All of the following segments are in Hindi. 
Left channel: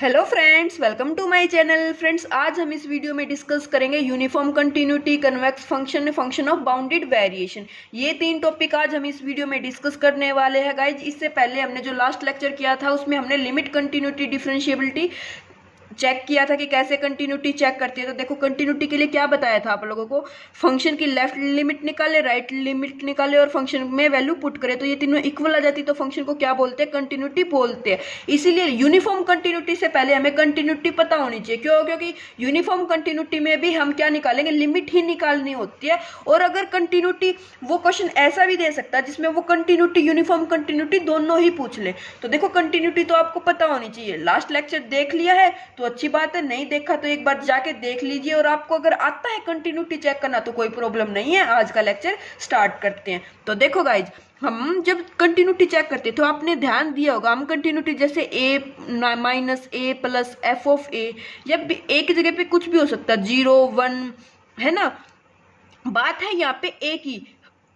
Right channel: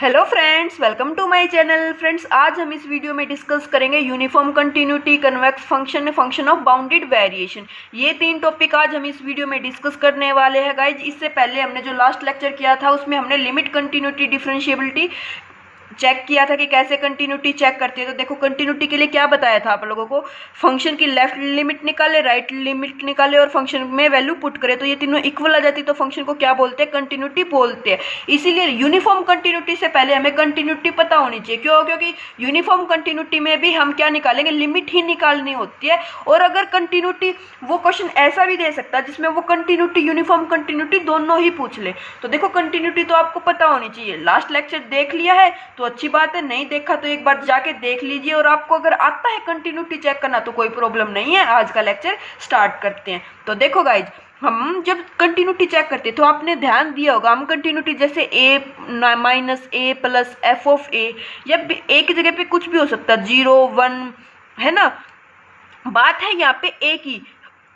Hello friends, welcome to my channel. Friends, आज हम इस वीडियो में डिस्कस करेंगे uniform continuity, convex function, function of bounded variation. ये तीन टॉपिक आज हम इस वीडियो में डिस्कस करने वाले हैं गाइज। इससे पहले हमने जो लास्ट लेक्चर किया था उसमें हमने लिमिट, कंटिन्यूटी, डिफरेंशिएबिलिटी चेक किया था कि कैसे कंटिन्यूटी चेक करती है। तो देखो, कंटिन्यूटी के लिए क्या बताया था आप लोगों को, फंक्शन की लेफ्ट लिमिट निकाले, राइट लिमिट निकाले और फंक्शन में वैल्यू पुट करे तो ये तीनों इक्वल आ जाती, तो फंक्शन को क्या बोलते हैं, कंटिन्यूटी बोलते हैं। इसीलिए यूनिफॉर्म कंटिन्यूटी से पहले हमें कंटिन्यूटी पता होनी चाहिए। क्यों? क्योंकि यूनिफॉर्म कंटिन्यूटी में भी हम क्या निकालेंगे, लिमिट ही निकालनी होती है। और अगर कंटिन्यूटी, वो क्वेश्चन ऐसा भी दे सकता है जिसमें वो कंटिन्यूटी, यूनिफॉर्म कंटिन्यूटी दोनों ही पूछ ले। तो देखो, कंटिन्यूटी तो आपको पता होनी चाहिए। लास्ट लेक्चर देख लिया है तो अच्छी बात है, नहीं देखा तो एक बार जाके देख लीजिए। और आपको अगर आता है कंटिन्यूटी चेक करना तो कोई प्रॉब्लम नहीं है। आज का लेक्चर स्टार्ट करते हैं। तो देखो गाइज, हम जब कंटिन्यूटी चेक करते हैं तो आपने ध्यान दिया होगा, हम कंटिन्यूटी जैसे a minus a plus f of a, या a की जगह पे कुछ भी हो सकता है, 0 1, है ना। बात है यहाँ पे a की,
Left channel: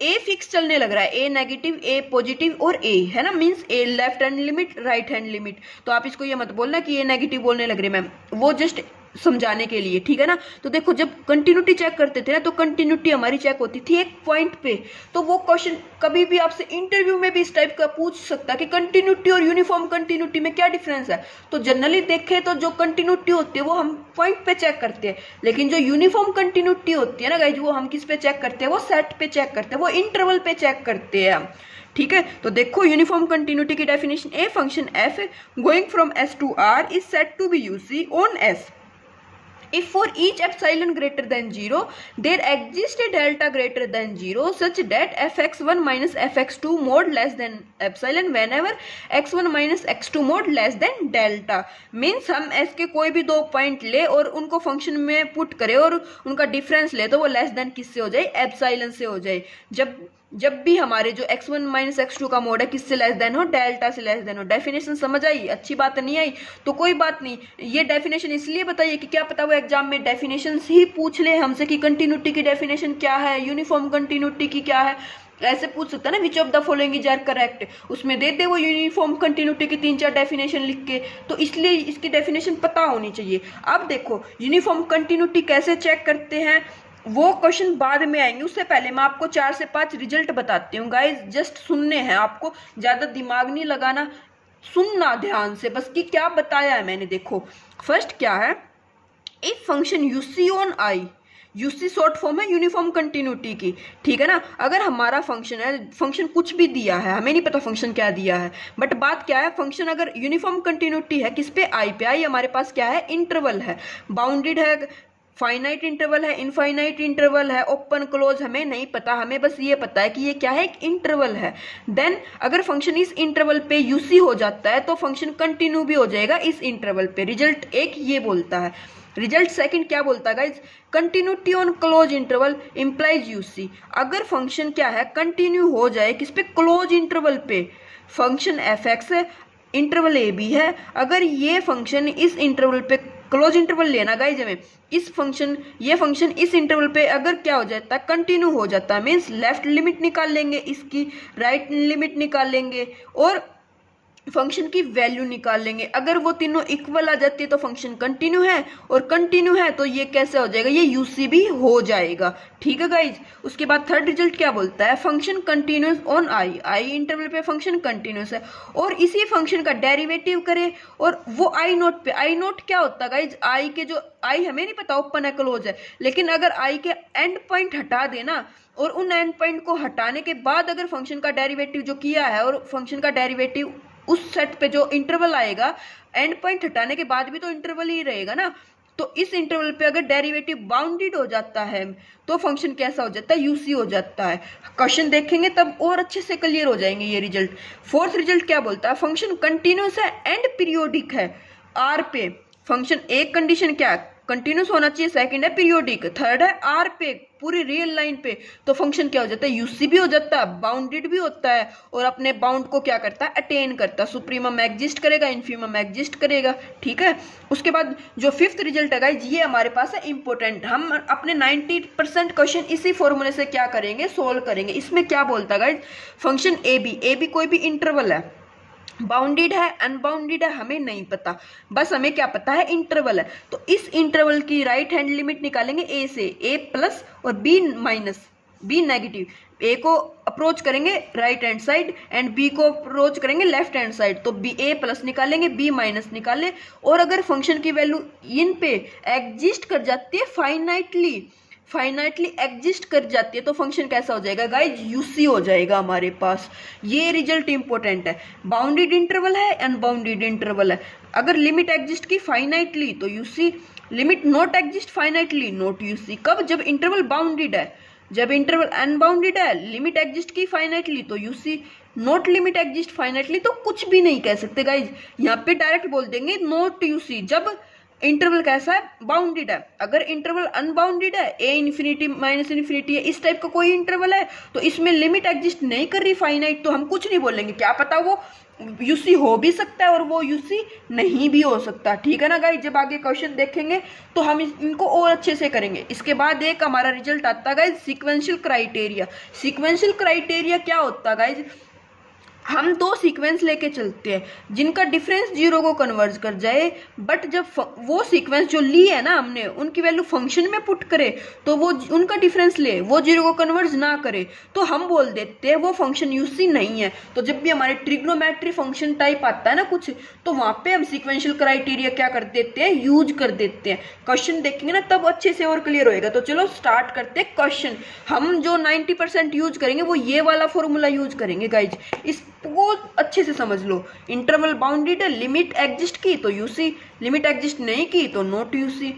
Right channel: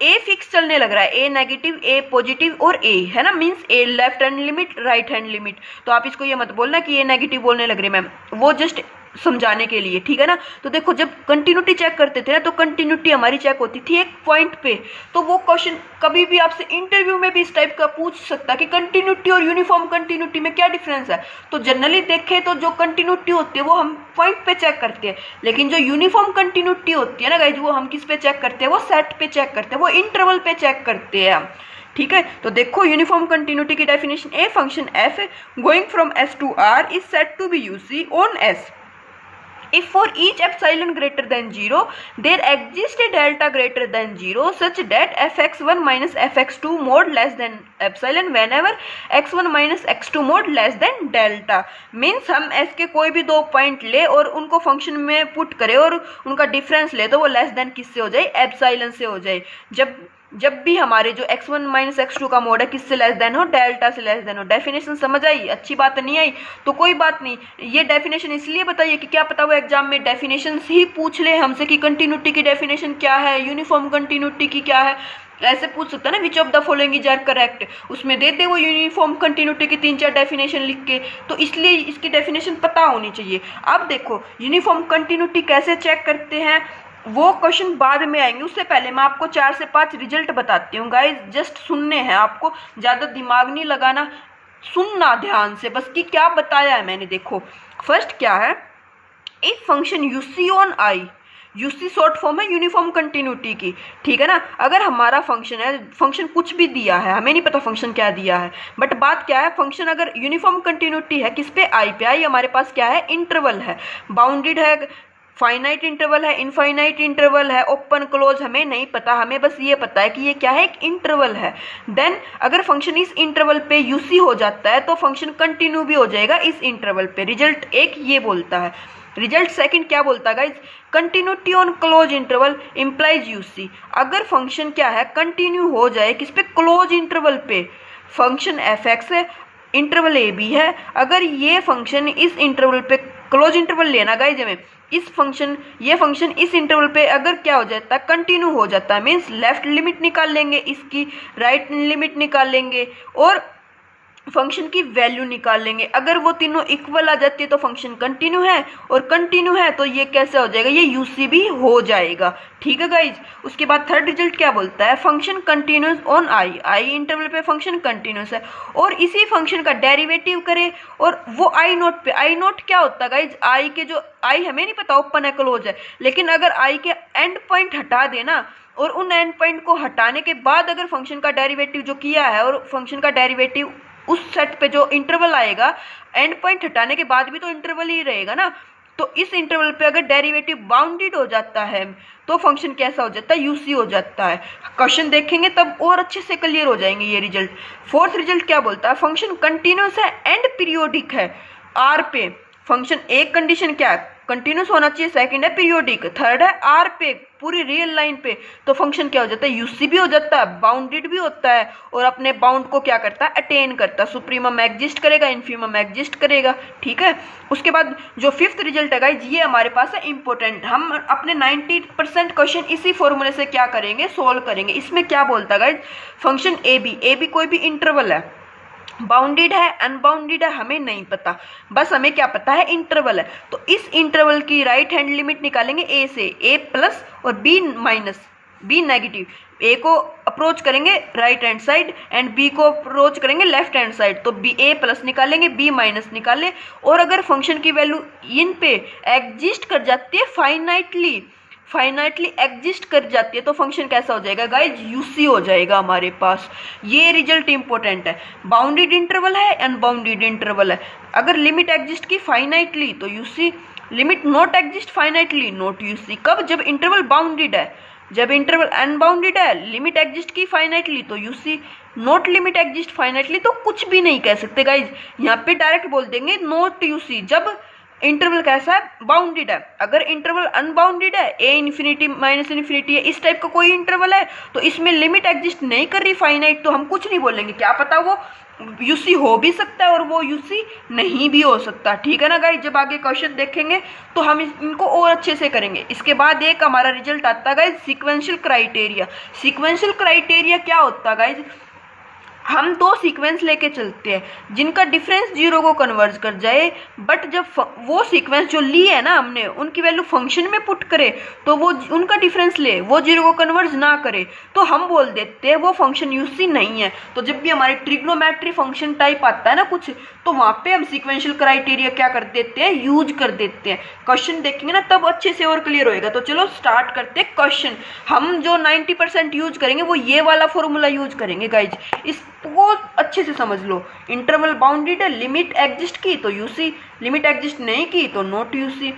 ए फिक्स चलने लग रहा है, ए नेगेटिव, ए पॉजिटिव और ए, है ना, means a left hand limit, right hand limit. तो आप इसको ये मत बोलना कि ए नेगेटिव बोलने लग रही मैम, वो जस्ट समझाने के लिए, ठीक है ना। तो देखो, जब कंटिन्यूटी चेक करते थे ना तो कंटिन्यूटी हमारी चेक होती थी एक पॉइंट पे। तो वो क्वेश्चन कभी भी आपसे इंटरव्यू में भी इस टाइप का पूछ सकता है कि कंटिन्यूटी और यूनिफॉर्म कंटिन्यूटी में क्या डिफरेंस है। तो जनरली देखें तो जो कंटिन्यूटी होती है वो हम पॉइंट पे चेक करते हैं, लेकिन जो यूनिफॉर्म कंटिन्यूटी होती है ना गाइज, वो हम किस पे चेक करते हैं, वो सेट पे चेक करते हैं, वो इंटरवल पे चेक करते हैं हम, ठीक है। तो देखो, यूनिफॉर्म कंटिन्यूटी की definition, a function f going from S to R is set to be UC on S if for each epsilon greater than 0 there exists a delta greater than 0 such that fx1 minus fx2 mod less than epsilon whenever x1 minus x2 mod less than delta। Means हम s के कोई भी दो पॉइंट ले और उनको फंक्शन में पुट करें और उनका डिफरेंस ले तो वो लेस देन किससे हो जाए, एप्सिलॉन से हो जाए। जब भी हमारे जो x1 माइनस x2 का मोड है किससे लेस देन हो, डेल्टा से लेस देन हो। डेफिनेशन समझ आई? अच्छी बात नहीं आई तो कोई बात नहीं, ये डेफिनेशन इसलिए बताइए कि क्या पता वो एग्जाम में डेफिनेशन ही पूछ ले हमसे कि कंटिन्यूटी की डेफिनेशन क्या है, यूनिफॉर्म कंटिन्यूटी की क्या है। ऐसे पूछ सकता है ना, which of the following is are correct, उसमें दे दे वो यूनिफॉर्म कंटिन्यूटी की 3-4 डेफिनेशन लिख के। तो इसलिए इसकी डेफिनेशन पता होनी चाहिए। अब देखो, यूनिफॉर्म कंटिन्यूटी कैसे चेक करते हैं वो क्वेश्चन बाद में आएंगे, उससे पहले मैं आपको 4 से 5 रिजल्ट बताती हूँ गाइज। जस्ट सुनने हैं आपको, ज़्यादा दिमाग नहीं लगाना, सुनना ध्यान से बस कि क्या बताया है मैंने। देखो, फर्स्ट क्या है, if function UC on I, UC short form है यूनिफॉर्म कंटिन्यूटी की, ठीक है ना। अगर हमारा फंक्शन है, फंक्शन कुछ भी दिया है, हमें नहीं पता फंक्शन क्या दिया है, बट बात क्या है, फंक्शन अगर यूनिफॉर्म कंटिन्यूटी है किस पे, आई पे। आई हमारे पास क्या है, इंटरवल है, बाउंडेड है, फाइनाइट इंटरवल है, इनफाइनाइट इंटरवल है, ओपन क्लोज हमें नहीं पता, हमें बस ये पता है कि ये क्या है, एक इंटरवल है। देन अगर फंक्शन इस इंटरवल पे यूसी हो जाता है तो फंक्शन कंटिन्यू भी हो जाएगा इस इंटरवल पे। रिजल्ट एक ये बोलता है। रिजल्ट सेकंड क्या बोलता है guys, continuity on close interval implies UC. अगर फंक्शन क्या है, कंटिन्यू हो जाए किस पे, क्लोज इंटरवल पे, फंक्शन एफ एक्स है, इंटरवल ए बी है, अगर ये फंक्शन इस इंटरवल पे, क्लोज इंटरवल लेना गाइज हमें, इस फंक्शन, ये फंक्शन इस इंटरवल पे अगर क्या हो जाता है, कंटिन्यू हो जाता है, मीन्स लेफ्ट लिमिट निकाल लेंगे इसकी, राइट लिमिट निकाल लेंगे और फंक्शन की वैल्यू निकाल लेंगे। अगर वो तीनों इक्वल आ जाती है तो फंक्शन कंटिन्यू है, और कंटिन्यू है तो ये कैसे हो जाएगा, ये यूसी भी हो जाएगा, ठीक है गाइज। उसके बाद थर्ड रिजल्ट क्या बोलता है, function continuous on I, I interval पे फंक्शन कंटिन्यूस है और इसी फंक्शन का डेरिवेटिव करे और वो आई नोट पे। आई नोट क्या होता है गाइज, आई के जो, आई हमें नहीं पता ओपन है क्लोज है, लेकिन अगर आई के एंड पॉइंट हटा देना और उन एंड पॉइंट को हटाने के बाद अगर फंक्शन का डेरिवेटिव जो किया है और फंक्शन का डेरिवेटिव उस सेट पे जो इंटरवल आएगा, एंड पॉइंट हटाने के बाद भी तो इंटरवल ही रहेगा ना, तो इस इंटरवल पे अगर डेरिवेटिव बाउंडेड हो जाता है तो फंक्शन कैसा हो जाता है, यूसी हो जाता है। क्वेश्चन देखेंगे तब और अच्छे से क्लियर हो जाएंगे ये रिजल्ट। फोर्थ रिजल्ट क्या बोलता है, फंक्शन कंटिन्यूस है एंड पीरियोडिक है आर पे। फंक्शन एक कंडीशन क्या है, कंटिन्यूस होना चाहिए, सेकंड है पीरियोडिक, थर्ड है आर पे, पूरी रियल लाइन पे, तो फंक्शन क्या हो जाता है, यूसी भी हो जाता है, बाउंडेड भी होता है और अपने बाउंड को क्या करता है, अटेन करता है, सुप्रीमम एग्जिस्ट करेगा, इन्फीमम एग्जिस्ट करेगा, ठीक है। उसके बाद जो फिफ्थ रिजल्ट है गाइज, ये हमारे पास है इंपॉर्टेंट, हम अपने 90% क्वेश्चन इसी फॉर्मूले से क्या करेंगे, सोल्व करेंगे। इसमें क्या बोलता है गाइज, फंक्शन ए बी कोई भी इंटरवल है, बाउंडेड है अनबाउंडेड है हमें नहीं पता, बस हमें क्या पता है इंटरवल है। तो इस इंटरवल की राइट हैंड लिमिट निकालेंगे ए से, ए प्लस और b minus, b negative. A को अप्रोच करेंगे right hand side and b को अप्रोच करेंगे लेफ्ट हैंड साइड, तो बी ए प्लस निकालेंगे बी माइनस निकाले। और अगर फंक्शन की वैल्यू इन पे एग्जिस्ट कर जाती है फाइनाइटली एग्जिस्ट कर जाती है, तो फंक्शन कैसा हो जाएगा गाइज, यूसी हो जाएगा हमारे पास। ये रिजल्ट इंपॉर्टेंट है। बाउंडेड इंटरवल है अनबाउंडेड इंटरवल है, अगर लिमिट एग्जिस्ट की फाइनाइटली तो UC, limit not exist finitely not UC. कब, जब इंटरवल बाउंडेड है। जब इंटरवल अनबाउंडेड है, लिमिट एग्जिस्ट की फाइनाइटली तो UC, not limit exist finitely तो कुछ भी नहीं कह सकते गाइज, यहाँ पे डायरेक्ट बोल देंगे नॉट यूसी। जब इंटरवल कैसा है, बाउंडेड है। अगर इंटरवल अनबाउंडेड है, ए इन्फिनिटी माइनस इन्फिनिटी है, इस टाइप का कोई इंटरवल है, तो इसमें लिमिट एग्जिस्ट नहीं कर रही फाइनाइट, तो हम कुछ नहीं बोलेंगे, क्या पता वो यूसी हो भी सकता है और वो यूसी नहीं भी हो सकता। ठीक है ना गाइज, जब आगे क्वेश्चन देखेंगे तो हम इनको और अच्छे से करेंगे। इसके बाद एक हमारा रिजल्ट आता है guys sequential criteria. Sequential criteria क्या होता है गाइज, हम दो सीक्वेंस लेके चलते हैं जिनका डिफरेंस जीरो को कन्वर्ज कर जाए, बट जब वो सीक्वेंस जो ली है ना हमने उनकी वैल्यू फंक्शन में पुट करे तो वो उनका डिफरेंस ले, वो जीरो को कन्वर्ज ना करे, तो हम बोल देते हैं वो फंक्शन यूसी नहीं है। तो जब भी हमारे ट्रिग्नोमेट्री फंक्शन टाइप आता है ना कुछ, तो वहाँ पे हम सीक्वेंशियल क्राइटेरिया क्या कर देते हैं, यूज कर देते हैं। क्वेश्चन देखेंगे ना तब अच्छे से और क्लियर होएगा। तो चलो स्टार्ट करते हैं क्वेश्चन। हम जो 90% यूज करेंगे वो ये वाला फॉर्मूला यूज करेंगे गाइज, इसको अच्छे से समझ लो। इंटरवल बाउंडेड है, लिमिट एग्जिस्ट की तो यूसी, लिमिट एग्जिस्ट नहीं की तो नॉट यूसी।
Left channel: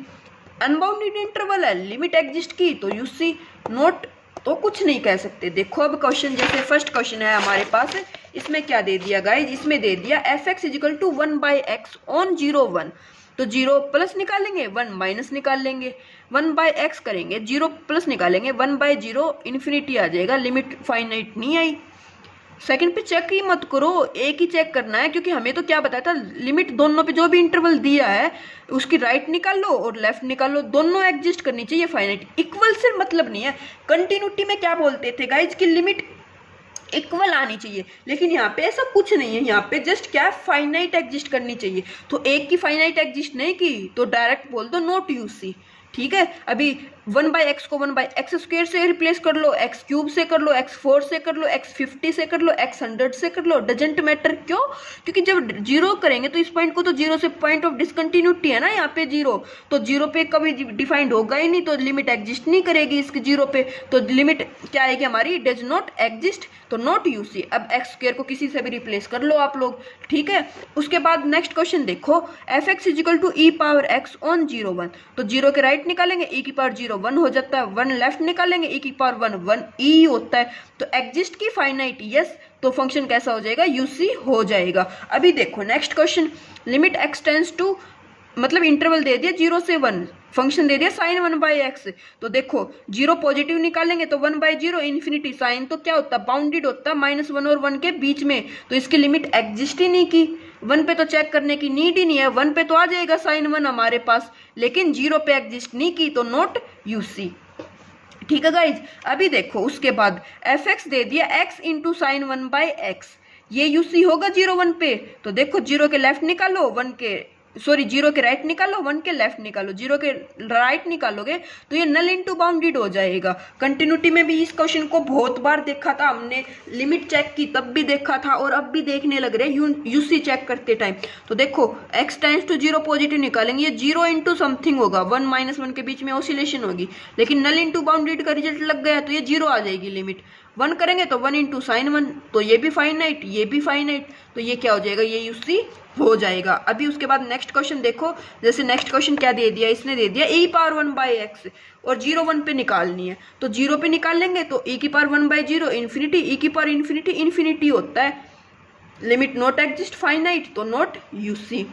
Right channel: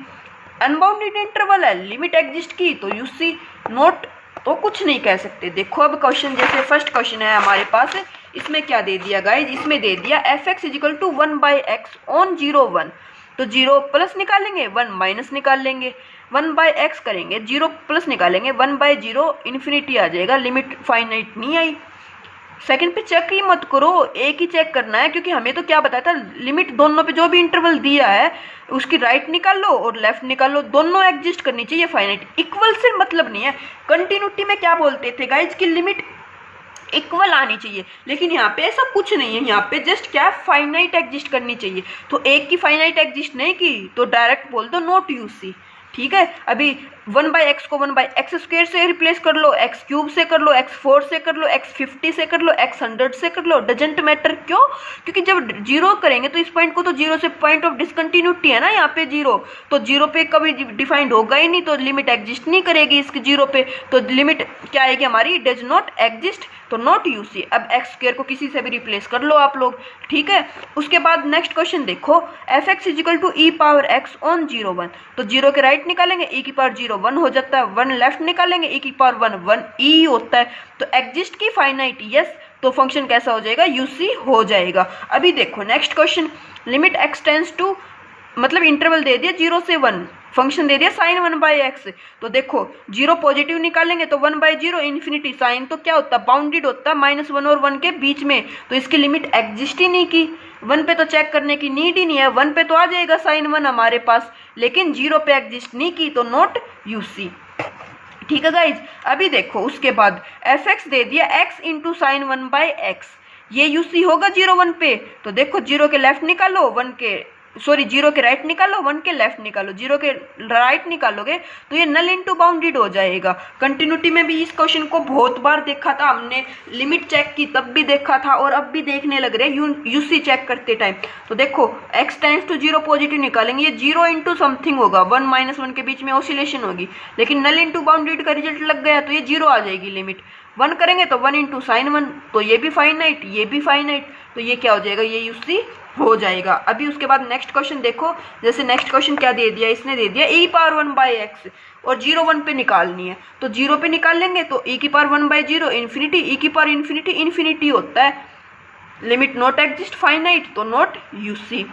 अनबाउंडेड इंटरवल है, लिमिट एग्जिस्ट की तो यूसी, नॉट तो कुछ नहीं कह सकते। देखो अब क्वेश्चन, जैसे फर्स्ट क्वेश्चन है हमारे पास, इसमें क्या दे दिया गाइज, इसमें दे दिया f x equal to 1/x on 0 1, तो 0 प्लस निकालेंगे 1 माइनस निकाल लेंगे, 1/x करेंगे 0 प्लस निकालेंगे 1/0 इन्फिनिटी आ जाएगा, लिमिट फाइनाइट नहीं आई। सेकंड पे चेक ही मत करो, एक ही चेक करना है, क्योंकि हमें तो क्या बताया था, लिमिट दोनों पे जो भी इंटरवल दिया है उसकी राइट निकाल लो और लेफ्ट निकाल लो, दोनों एग्जिस्ट करनी चाहिए फाइनाइट। इक्वल से मतलब नहीं है। कंटिन्यूटी में क्या बोलते थे गाइज की लिमिट इक्वल आनी चाहिए, लेकिन यहाँ पे ऐसा कुछ नहीं है। यहाँ पे जस्ट क्या, फाइनाइट एग्जिस्ट करनी चाहिए। तो एक की फाइनाइट एग्जिस्ट नहीं की तो डायरेक्ट बोल दो नॉट यूसी। ठीक है, अभी 1/x को 1/x² से रिप्लेस कर लो, x³ से कर लो, x4 से कर लो, x50 से कर लो, x100 से कर लो, डजेंट मैटर। क्यों? क्योंकि जब जीरो करेंगे तो इस पॉइंट को तो जीरो से पॉइंट ऑफ डिसकंटिन्यूटी है ना यहाँ पे जीरो, तो जीरो पे कभी डिफाइंड होगा ही नहीं, तो लिमिट एग्जिस्ट नहीं करेगी इसकी जीरो पे, तो लिमिट क्या आएगी हमारी, डज नॉट एग्जिस्ट, तो नॉट यूसी। अब x² को किसी से भी रिप्लेस कर लो आप लोग। ठीक है, उसके बाद नेक्स्ट क्वेश्चन देखो, f x equal to e power x on 0 1, तो जीरो के राइट निकालेंगे, e की पावर 0 1 हो जाता है, 1 लेफ्ट निकालेंगे, e की पावर 1 1 e होता है, तो एग्जिस्ट की फाइनाइट यस, तो फंक्शन कैसा हो जाएगा, यूसी हो जाएगा। अभी देखो next question, limit x tends to, मतलब इंटरवल दे दिया 0 से 1, फंक्शन दे दिया साइन 1/x, तो देखो 0 पॉजिटिव निकालेंगे तो 1/0 इन्फिनिटी, साइन तो क्या होता है, बाउंडेड होता है -1 और 1 के बीच में, तो इसकी लिमिट एग्जिस्ट ही नहीं की। 1 पे तो चेक करने की नीड ही नहीं है, 1 पे तो आ जाएगा साइन 1 हमारे पास, लेकिन 0 पे एग्जिस्ट नहीं की तो नॉट यूसी। ठीक है गाइज, अभी देखो उसके बाद एफ एक्स दे दिया x इंटू साइन 1/x, ये यूसी होगा 0 1 पे, तो देखो 0 के लेफ्ट निकालो, 0 के राइट निकालो, 1 के लेफ्ट निकालो, 0 के राइट निकालोगे तो ये नल इनटू बाउंडेड हो जाएगा। कंटिन्यूटी में भी इस क्वेश्चन को बहुत बार देखा था हमने, लिमिट चेक की तब भी देखा था और अब भी देखने लग रहे हैं यूसी चेक करते टाइम। तो देखो x टेंस टू 0 पॉजिटिव निकालेंगे, ये 0 इंटू समथिंग होगा, 1 -1 के बीच में ऑसिलेशन होगी, लेकिन नल इंटू बाउंडेड का रिजल्ट लग गया तो ये 0 आ जाएगी लिमिट। 1 करेंगे तो 1 इंटू साइन 1, तो ये भी फाइनाइट, ये भी फाइनाइट, तो ये क्या हो जाएगा, ये यूसी हो जाएगा। अभी उसके बाद नेक्स्ट क्वेश्चन देखो, जैसे नेक्स्ट क्वेश्चन क्या दे दिया, इसने दे दिया e पावर 1/x और 0 1 पे निकालनी है, तो 0 पे निकाल लेंगे तो e की पावर 1/0 इन्फिनिटी, e की पावर इन्फिनिटी इन्फिनिटी होता है, लिमिट नॉट एग्जिस्ट फाइनाइट, तो नॉट यूसी।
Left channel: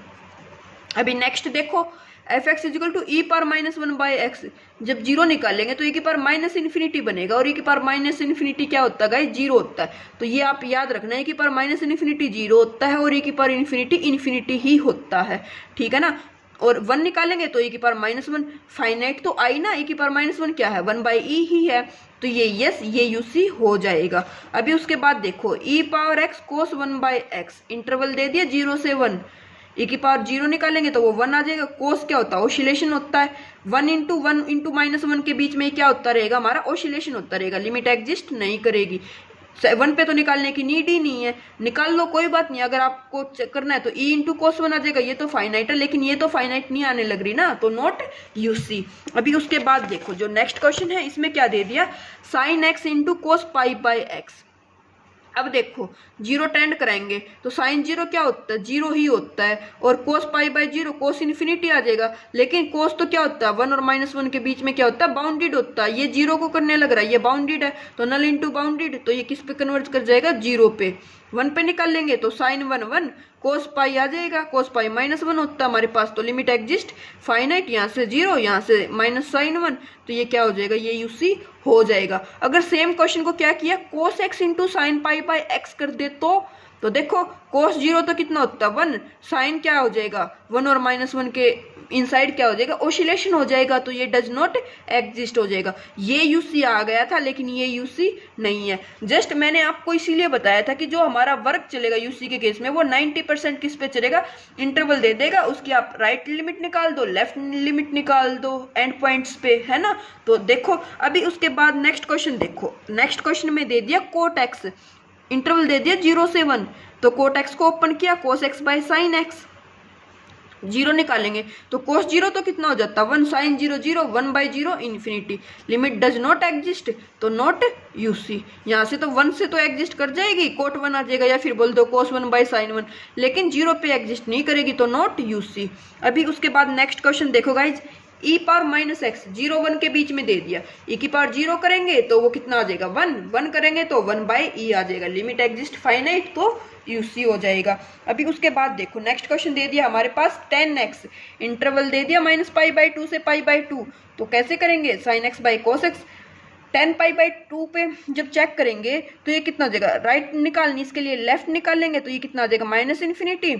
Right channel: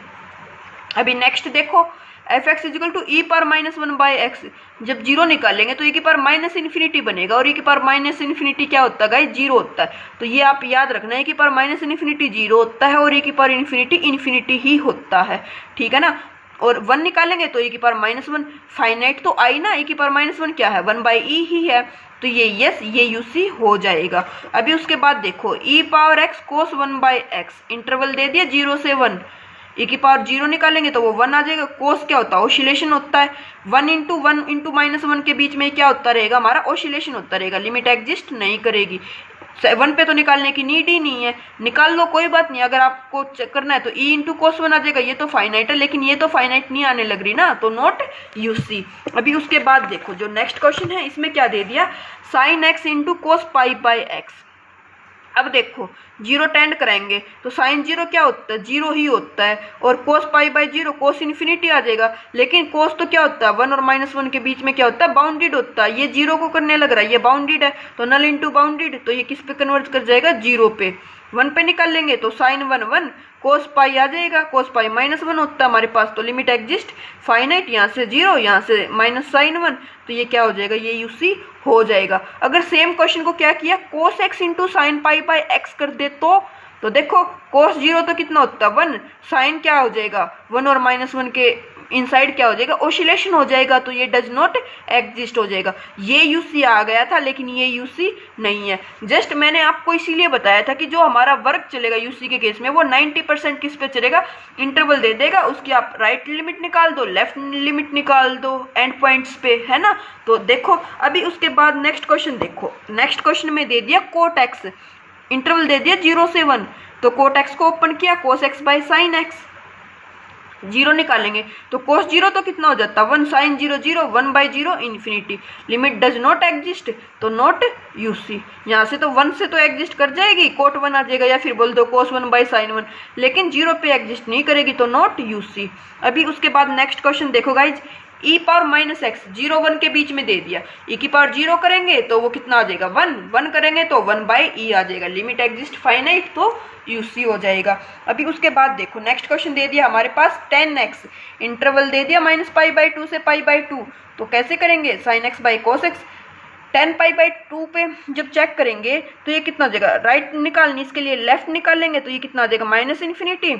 अभी नेक्स्ट देखो, f x equal to e power -1/x, जब 0 निकालेंगे तो e की पावर माइनस इन्फिनिटी बनेगा, और e की पावर माइनस इन्फिनिटी क्या होता है गाइस, 0 होता है, तो ये आप याद रखना है, e की पावर माइनस इन्फिनिटी 0 होता है और e की पावर इन्फिनिटी इन्फिनिटी ही होता है। ठीक है ना, और 1 निकालेंगे तो e⁻⁻1। फाइनाइट तो आई ना, e⁻⁻1 क्या है 1/e ही है, तो ये यस ये यूसी हो जाएगा। अभी उसके बाद देखो e⁻x cos 1/x इंटरवल दे दिया 0 से 1, e⁻0 निकालेंगे तो वो 1 आ जाएगा। कोस क्या होता है ओसिलेशन होता है, 1 इंटू -1 के बीच में क्या होता रहेगा हमारा ओसिलेशन होता रहेगा, लिमिट एग्जिस्ट नहीं करेगी। 1 पे तो निकालने की नीड ही नहीं है, निकाल लो कोई बात नहीं। अगर आपको चेक करना है तो e इंटू कोस 1 आ जाएगा, ये तो फाइनाइट है लेकिन ये तो फाइनाइट नहीं आने लग रही ना, तो नॉट यूसी। अभी उसके बाद देखो जो नेक्स्ट क्वेश्चन है इसमें क्या दे दिया, sine x into cos pi by x. अब देखो जीरो टेंड कराएंगे तो साइन जीरो क्या होता है, जीरो ही होता है, और cos pi by zero cos infinity आ जाएगा। लेकिन कोस तो क्या होता है 1 और -1 के बीच में क्या होता है बाउंडेड होता है, ये जीरो को करने लग रहा है, ये बाउंडेड है तो नल इंटू बाउंडेड, तो ये किस पे कन्वर्ट कर जाएगा 0 पे। 1 पे निकाल लेंगे तो साइन 1 1 कोस पाई आ जाएगा, कोस पाई -1 होता है हमारे पास, तो लिमिट एग्जिस्ट फाइनाइट, यहाँ से 0 यहाँ से माइनस साइन 1, तो ये क्या हो जाएगा ये यूसी हो जाएगा। अगर सेम क्वेश्चन को क्या किया cos x into sine pi by x कर दे तो देखो कोस 0 तो कितना होता है 1, साइन क्या हो जाएगा 1 और -1 के इनसाइड क्या हो जाएगा ओसिलेशन हो जाएगा, तो ये डज नॉट एग्जिस्ट हो जाएगा। ये यूसी आ गया था लेकिन ये यूसी नहीं है। जस्ट मैंने आपको इसीलिए बताया था कि जो हमारा वर्क चलेगा यूसी के केस में वो 90% किस पे चलेगा, इंटरवल दे देगा, उसकी आप राइट लिमिट निकाल दो लेफ्ट लिमिट निकाल दो एंड पॉइंट्स पे, है ना। तो देखो अभी उसके बाद नेक्स्ट क्वेश्चन देखो, नेक्स्ट क्वेश्चन में दे दिया कोट एक्स, इंटरवल दे दिया 0 से 1, तो कोट एक्स को ओपन किया cos x by sine x, 0 निकालेंगे तो कोस 0 तो कितना हो जाता है 1 sine 0 0 1/0 infinity, limit does not exist तो नॉट यूसी। यहाँ से तो 1 से तो एग्जिस्ट कर जाएगी कोट 1 आ जाएगा, या फिर बोल दो कोस 1/साइन 1, लेकिन 0 पे एग्जिस्ट नहीं करेगी तो नॉट यूसी। अभी उसके बाद नेक्स्ट क्वेश्चन देखो गाइज, e⁻⁻x 0 1 के बीच में दे दिया, e⁻0 करेंगे तो वो कितना आ जाएगा 1 1 करेंगे तो 1/e आ जाएगा, लिमिट एग्जिस्ट फाइनाइट तो यूसी हो जाएगा। अभी उसके बाद देखो नेक्स्ट क्वेश्चन दे दिया हमारे पास tan x, इंटरवल दे दिया -π/2 से π/2, तो कैसे करेंगे sin x by cos x, tan π/2 पे जब चेक करेंगे तो ये कितना हो जाएगा, राइट निकालनी इसके लिए लेफ्ट निकाल लेंगे तो ये कितना आ जाएगा -∞,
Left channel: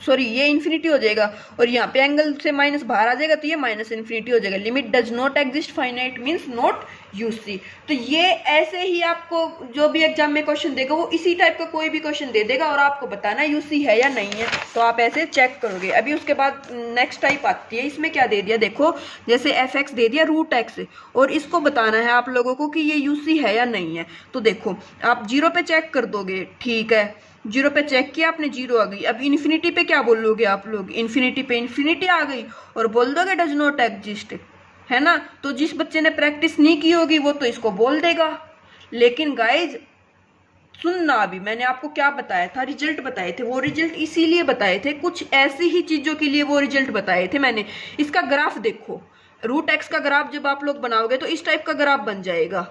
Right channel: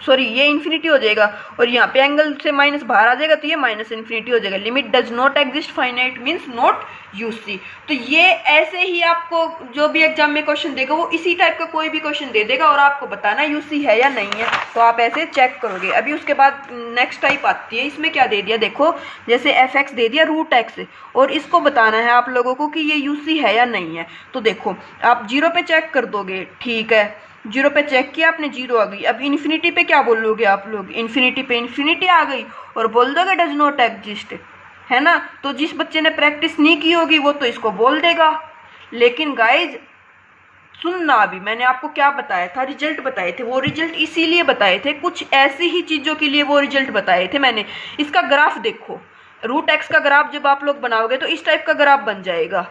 सॉरी ये इन्फिनिटी हो जाएगा, और यहाँ पे एंगल से माइनस बाहर आ जाएगा तो ये -∞ हो जाएगा, limit does not exist finite means not UC. तो ये ऐसे ही आपको जो भी एग्जाम में क्वेश्चन देगा वो इसी टाइप का कोई भी क्वेश्चन दे देगा और आपको बताना यूसी है या नहीं है, तो आप ऐसे चेक करोगे। अभी उसके बाद नेक्स्ट टाइप आती है, इसमें क्या दे दिया देखो, जैसे f(x) दे दिया √x, और इसको बताना है आप लोगों को कि ये यूसी है या नहीं है। तो देखो आप 0 पे चेक कर दोगे, ठीक है 0 पे चेक किया आपने 0 आ गई। अब इन्फिनिटी पे क्या बोलोगे आप लोग, इन्फिनिटी पे इन्फिनिटी आ गई और बोल दोगे डज नॉट एग्जिस्ट, है ना। तो जिस बच्चे ने प्रैक्टिस नहीं की होगी वो तो इसको बोल देगा, लेकिन गाइज सुनना, अभी मैंने आपको क्या बताया था, रिजल्ट बताए थे, वो रिजल्ट इसीलिए बताए थे, कुछ ऐसी ही चीज़ों के लिए वो रिजल्ट बताए थे मैंने। इसका ग्राफ देखो, √x का ग्राफ जब आप लोग बनाओगे तो इस टाइप का ग्राफ बन जाएगा।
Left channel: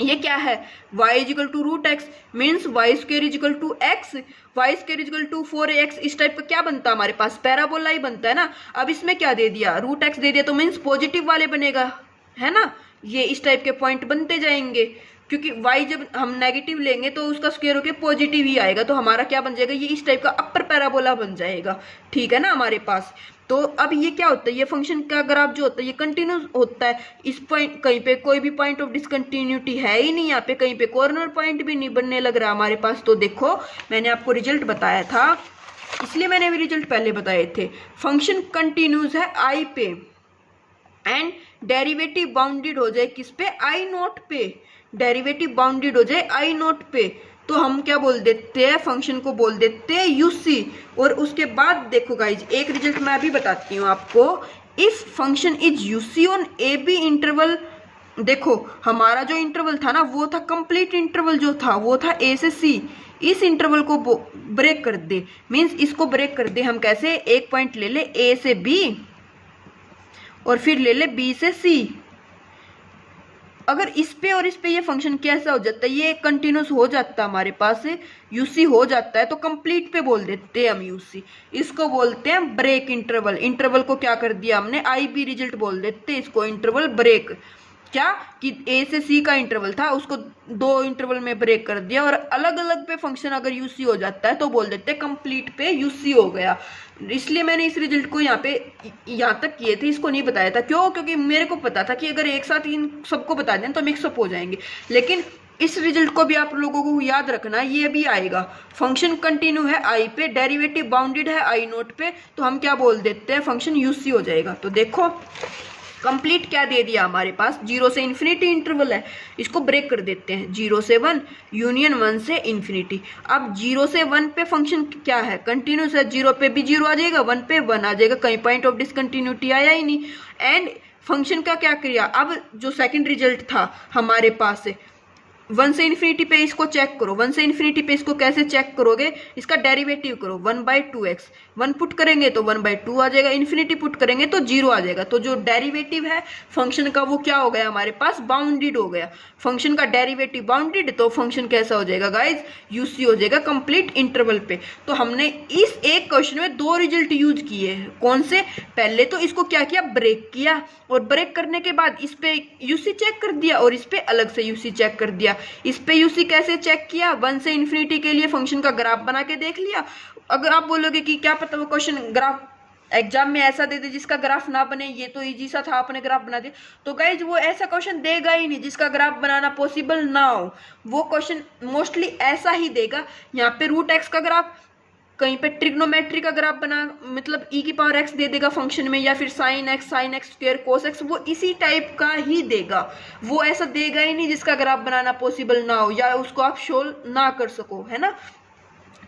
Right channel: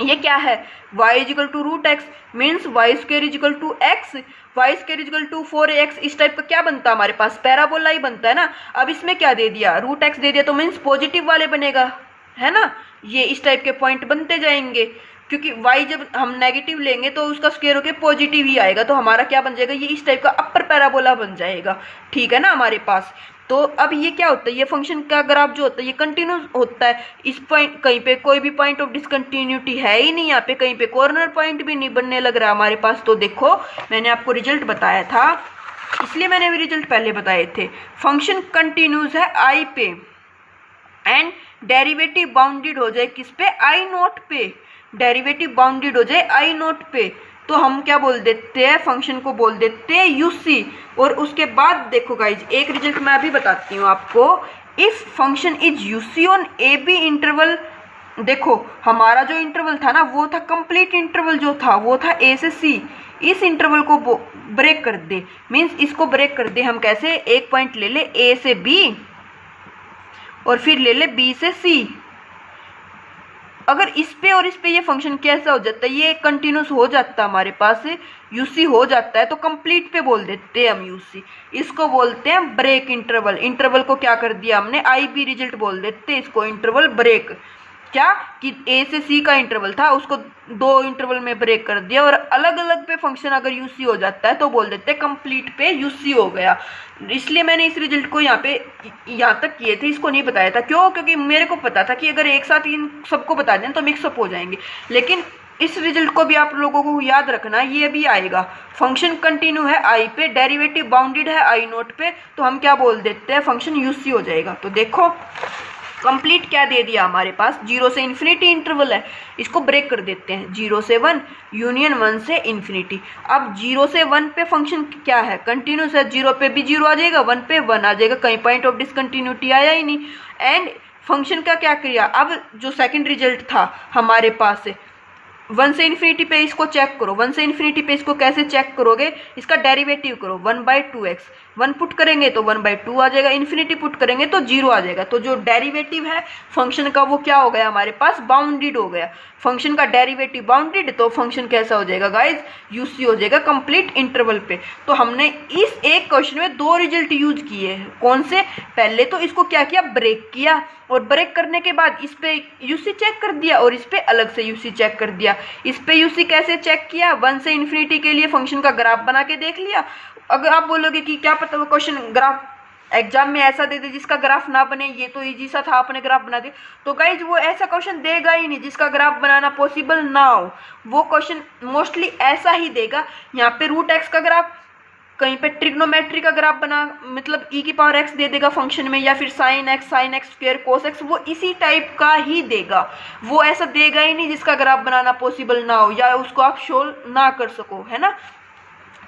ये क्या है y = √x means y² = x, y² = 4x, इस टाइप का क्या बनता है हमारे पास पैराबोला ही बनता है ना। अब इसमें क्या दे दिया √x दे दिया तो मीन्स पॉजिटिव वाले बनेगा, है ना, ये इस टाइप के पॉइंट बनते जाएंगे, क्योंकि y जब हम नेगेटिव लेंगे तो उसका स्क्वायर होके पॉजिटिव ही आएगा, तो हमारा क्या बन जाएगा ये इस टाइप का अपर पैराबोला बन जाएगा, ठीक है ना हमारे पास। तो अब ये क्या होता है, ये फंक्शन का ग्राफ जो होता है ये कंटिन्यूस होता है, इस पॉइंट कहीं पे कोई भी पॉइंट ऑफ डिसकंटिन्यूटी है ही नहीं, यहाँ पे कहीं पे कॉर्नर पॉइंट भी नहीं बनने लग रहा हमारे पास। तो देखो मैंने आपको रिजल्ट बताया था, इसलिए मैंने भी रिजल्ट पहले बताए थे, फंक्शन कंटिन्यूस है आई पे एंड डेरिवेटिव बाउंडेड हो जाए किस पे I0 पे, डेरिवेटिव बाउंडेड हो जाए I0 पे, तो हम क्या बोल देते हैं फंक्शन को बोल देते हैं यूसी। और उसके बाद देखो गाइज एक रिजल्ट मैं अभी बताती हूँ आपको, if function is UC on a b interval, देखो हमारा जो इंटरवल था ना वो था कंप्लीट इंटरवल, जो था वो था ए से सी, इस इंटरवल को ब्रेक कर दे, मीन्स इसको ब्रेक कर दे हम कैसे, एक पॉइंट ले ले ए से बी और फिर ले ले बी से सी। अगर इस पे और इस पे ये फंक्शन कैसा हो जाता है, ये कंटिन्यूस हो जाता है हमारे पास, यूसी हो जाता है, तो कंप्लीट पे बोल देते हैं हम यूसी, इसको बोलते हैं ब्रेक इंटरवल। इंटरवल को क्या कर दिया हमने आई बी रिजल्ट बोल देते हैं इसको, इंटरवल ब्रेक, क्या कि ए से सी का इंटरवल था, उसको दो इंटरवल में ब्रेक कर दिया, और अलग अलग पे फंक्शन अगर यूसी हो जाता है तो बोल देते हैं कंप्लीट पे यूसी हो गया। इसलिए मैंने इस रिजल्ट को यहाँ तक किए थे, इसको नहीं बताया था। क्यों? क्योंकि मेरे को पता था कि अगर एक साथ इन सबको बता दें तो मिक्सअप हो जाएंगे। लेकिन इस रिजल्ट को भी आप लोगों को याद रखना, ये भी आएगा। फंक्शन कंटिन्यू है आई पे, डेरिवेटिव बाउंडेड है आई नोट पे, तो हम क्या बोल देते हैं, फंक्शन यूसी हो जाएगा। तो देखो कंप्लीट क्या दे दिया हमारे पास, 0 से इन्फिनिटी इंटरवल है, इसको ब्रेक कर देते हैं, 0 से 1 यूनियन 1 से इन्फिनिटी। अब 0 से 1 पे फंक्शन क्या है, कंटिन्यूस है, 0 पे भी 0 आ जाएगा, 1 पे 1 आ जाएगा, कहीं पॉइंट ऑफ डिसकंटिन्यूटी आया ही नहीं। एंड फंक्शन का क्या किया, अब जो सेकंड रिजल्ट था हमारे पास से 1 से इन्फिनिटी पे इसको चेक करो, 1 से इन्फिनिटी पे इसको कैसे चेक करोगे, इसका डेरिवेटिव करो, 1/2x, 1 पुट करेंगे तो 1/2 आ जाएगा, इन्फिनिटी पुट करेंगे तो 0 आ जाएगा। तो जो डेरिवेटिव है फंक्शन का वो क्या हो गया हमारे पास, बाउंडेड हो गया। फंक्शन का डेरिवेटिव बाउंडेड, तो फंक्शन कैसा हो जाएगा गाइज, यूसी हो जाएगा कंप्लीट इंटरवल पे। तो हमने इस एक क्वेश्चन में दो रिजल्ट यूज किए हैं। कौन से, पहले तो इसको क्या किया, ब्रेक किया, और ब्रेक करने के बाद इस पे यूसी चेक कर दिया और इस पे अलग से यूसी चेक कर दिया। इस पे यूसी कैसे चेक किया, 1 से इन्फिनिटी के लिए फंक्शन का ग्राफ बना के देख लिया। अगर आप बोलोगे कि क्या पता वो क्वेश्चन ग्राफ एग्जाम में ऐसा दे दे जिसका ग्राफ ना बने, ये तो इजी सा था, आपने ग्राफ बना दिया, तो गाइज वो ऐसा क्वेश्चन देगा ही नहीं जिसका ग्राफ बनाना पॉसिबल ना हो। वो क्वेश्चन मोस्टली ऐसा ही देगा, यहाँ पे √x का ग्राफ, कहीं पे ट्रिग्नोमेट्री का ग्राफ बना, मतलब e⁻x दे देगा फंक्शन में, या फिर sin x square cos x, वो इसी टाइप का ही देगा। वो ऐसा देगा ही नहीं जिसका ग्राफ बनाना पॉसिबल ना हो या उसको आप सोल्व ना कर सको, है ना।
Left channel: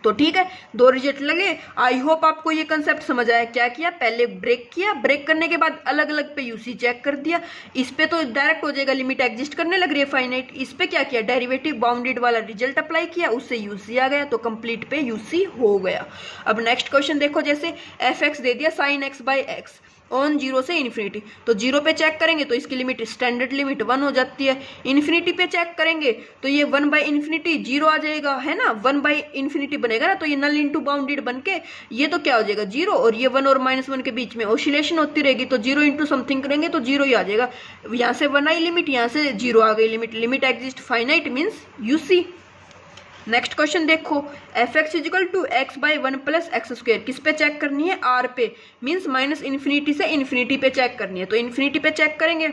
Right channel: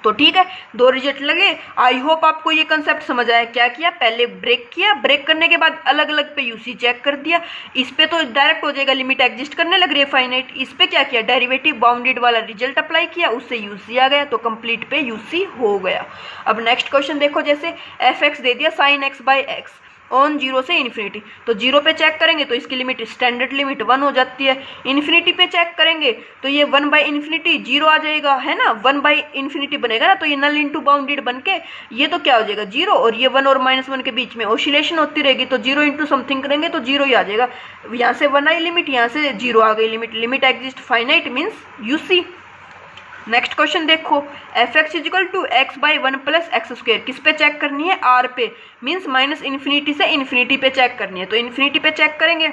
तो ठीक है, दो रिजल्ट लगे। आई होप आपको ये कंसेप्ट समझ आया। क्या किया, पहले ब्रेक किया, ब्रेक करने के बाद अलग अलग पे यूसी चेक कर दिया। इस पे तो डायरेक्ट हो जाएगा, लिमिट एग्जिस्ट करने लग रही है फाइनाइट। इस पे क्या किया, डेरिवेटिव बाउंडेड वाला रिजल्ट अप्लाई किया, उससे यूसी आ गया, तो कंप्लीट पे यूसी हो गया। अब नेक्स्ट क्वेश्चन देखो, जैसे f(x) दे दिया sin x/x ऑन 0 से इन्फिनिटी, तो 0 पे चेक करेंगे तो इसकी लिमिट स्टैंडर्ड लिमिट 1 हो जाती है। इन्फिनिटी पे चेक करेंगे तो ये 1/इन्फिनिटी 0 आ जाएगा, है ना, 1/इन्फिनिटी बनेगा ना, तो ये नल इंटू बाउंडेड बन के ये तो क्या हो जाएगा 0, और ये 1 और -1 के बीच में ऑसिलेशन होती रहेगी, तो 0 इंटू समथिंग करेंगे तो 0 ही आ जाएगा। यहाँ से 1 आई लिमिट, यहाँ से 0 आ गई limit, limit exist finite means UC. Next question देखो, f(x) = x/1 + x², किस पे चेक करनी है, r पे, मीन्स -इन्फिनिटी से इन्फिनिटी पे चेक करनी है। तो इन्फिनिटी पे चेक करेंगे,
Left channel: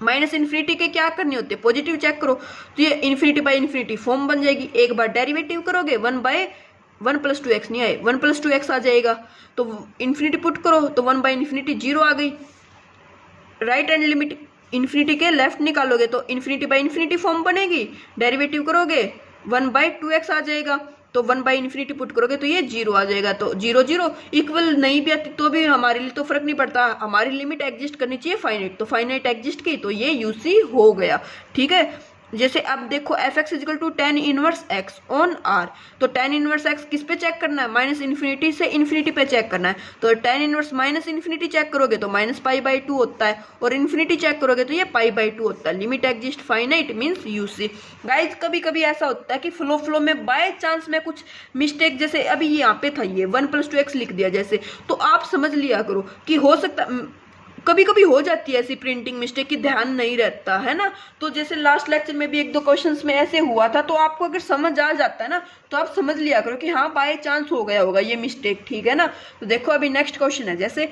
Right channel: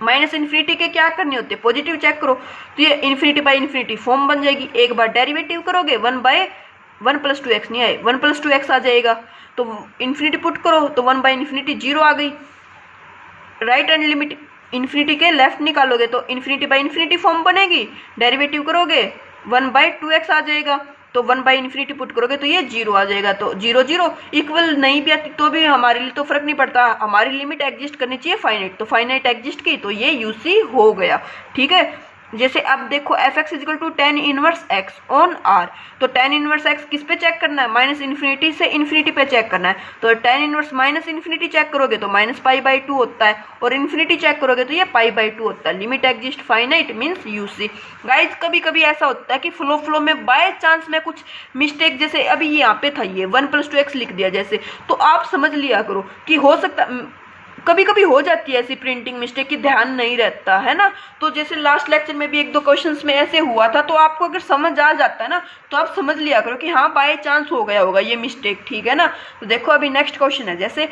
-इन्फिनिटी के क्या करने होते हैं, पॉजिटिव चेक करो, तो ये इन्फिनिटी फॉर्म बन जाएगी। एक बार डेरिवेटिव करोगे 1/1 + 2x नहीं आए, 1 + 2x आ जाएगा, तो इन्फिनिटी पुट करो तो 1/इन्फिनिटी 0 आ गई। राइट हैंड लिमिट इन्फिनिटी के लेफ्ट निकालोगे तो इन्फिनिटी फॉर्म बनेगी, डेरिवेटिव करोगे 1/2x आ जाएगा, तो 1/इन्फिनिटी पुट करोगे तो ये 0 आ जाएगा। तो 0 0 इक्वल नहीं भी आती तो भी हमारे लिए तो फर्क नहीं पड़ता, हमारी लिमिट एग्जिस्ट करनी चाहिए फाइनाइट, तो फाइनाइट एग्जिस्ट की, तो ये यूसी हो गया। ठीक है, जैसे अब देखो f(x) = tan 1x on r, तो tan 1x किस पे चेक करना है, -इन्फिनिटी से इन्फिनिटी पे चेक करना है, तो tan 1 -इन्फिनिटी चेक करोगे तो -π/2 होता है, और इन्फिनिटी चेक करोगे तो ये π/2 होता है। Limit exist finite means UC. Guys कभी कभी ऐसा होता है कि फ्लो में बाय चांस में कुछ मिस्टेक, जैसे अभी यहाँ पे था ये 1 + 2x लिख दिया जैसे, तो आप समझ लिया करो कि हो सकता, कभी कभी हो जाती है ऐसी प्रिंटिंग मिस्टेक की ध्यान नहीं रहता है ना। तो जैसे लास्ट लेक्चर में भी 1-2 क्वेश्चंस में ऐसे हुआ था, तो आपको अगर समझ आ जाता है ना तो आप समझ लिया करो कि हाँ बाय चांस हो गया होगा ये मिस्टेक, ठीक है ना। तो देखो अभी नेक्स्ट क्वेश्चन है, जैसे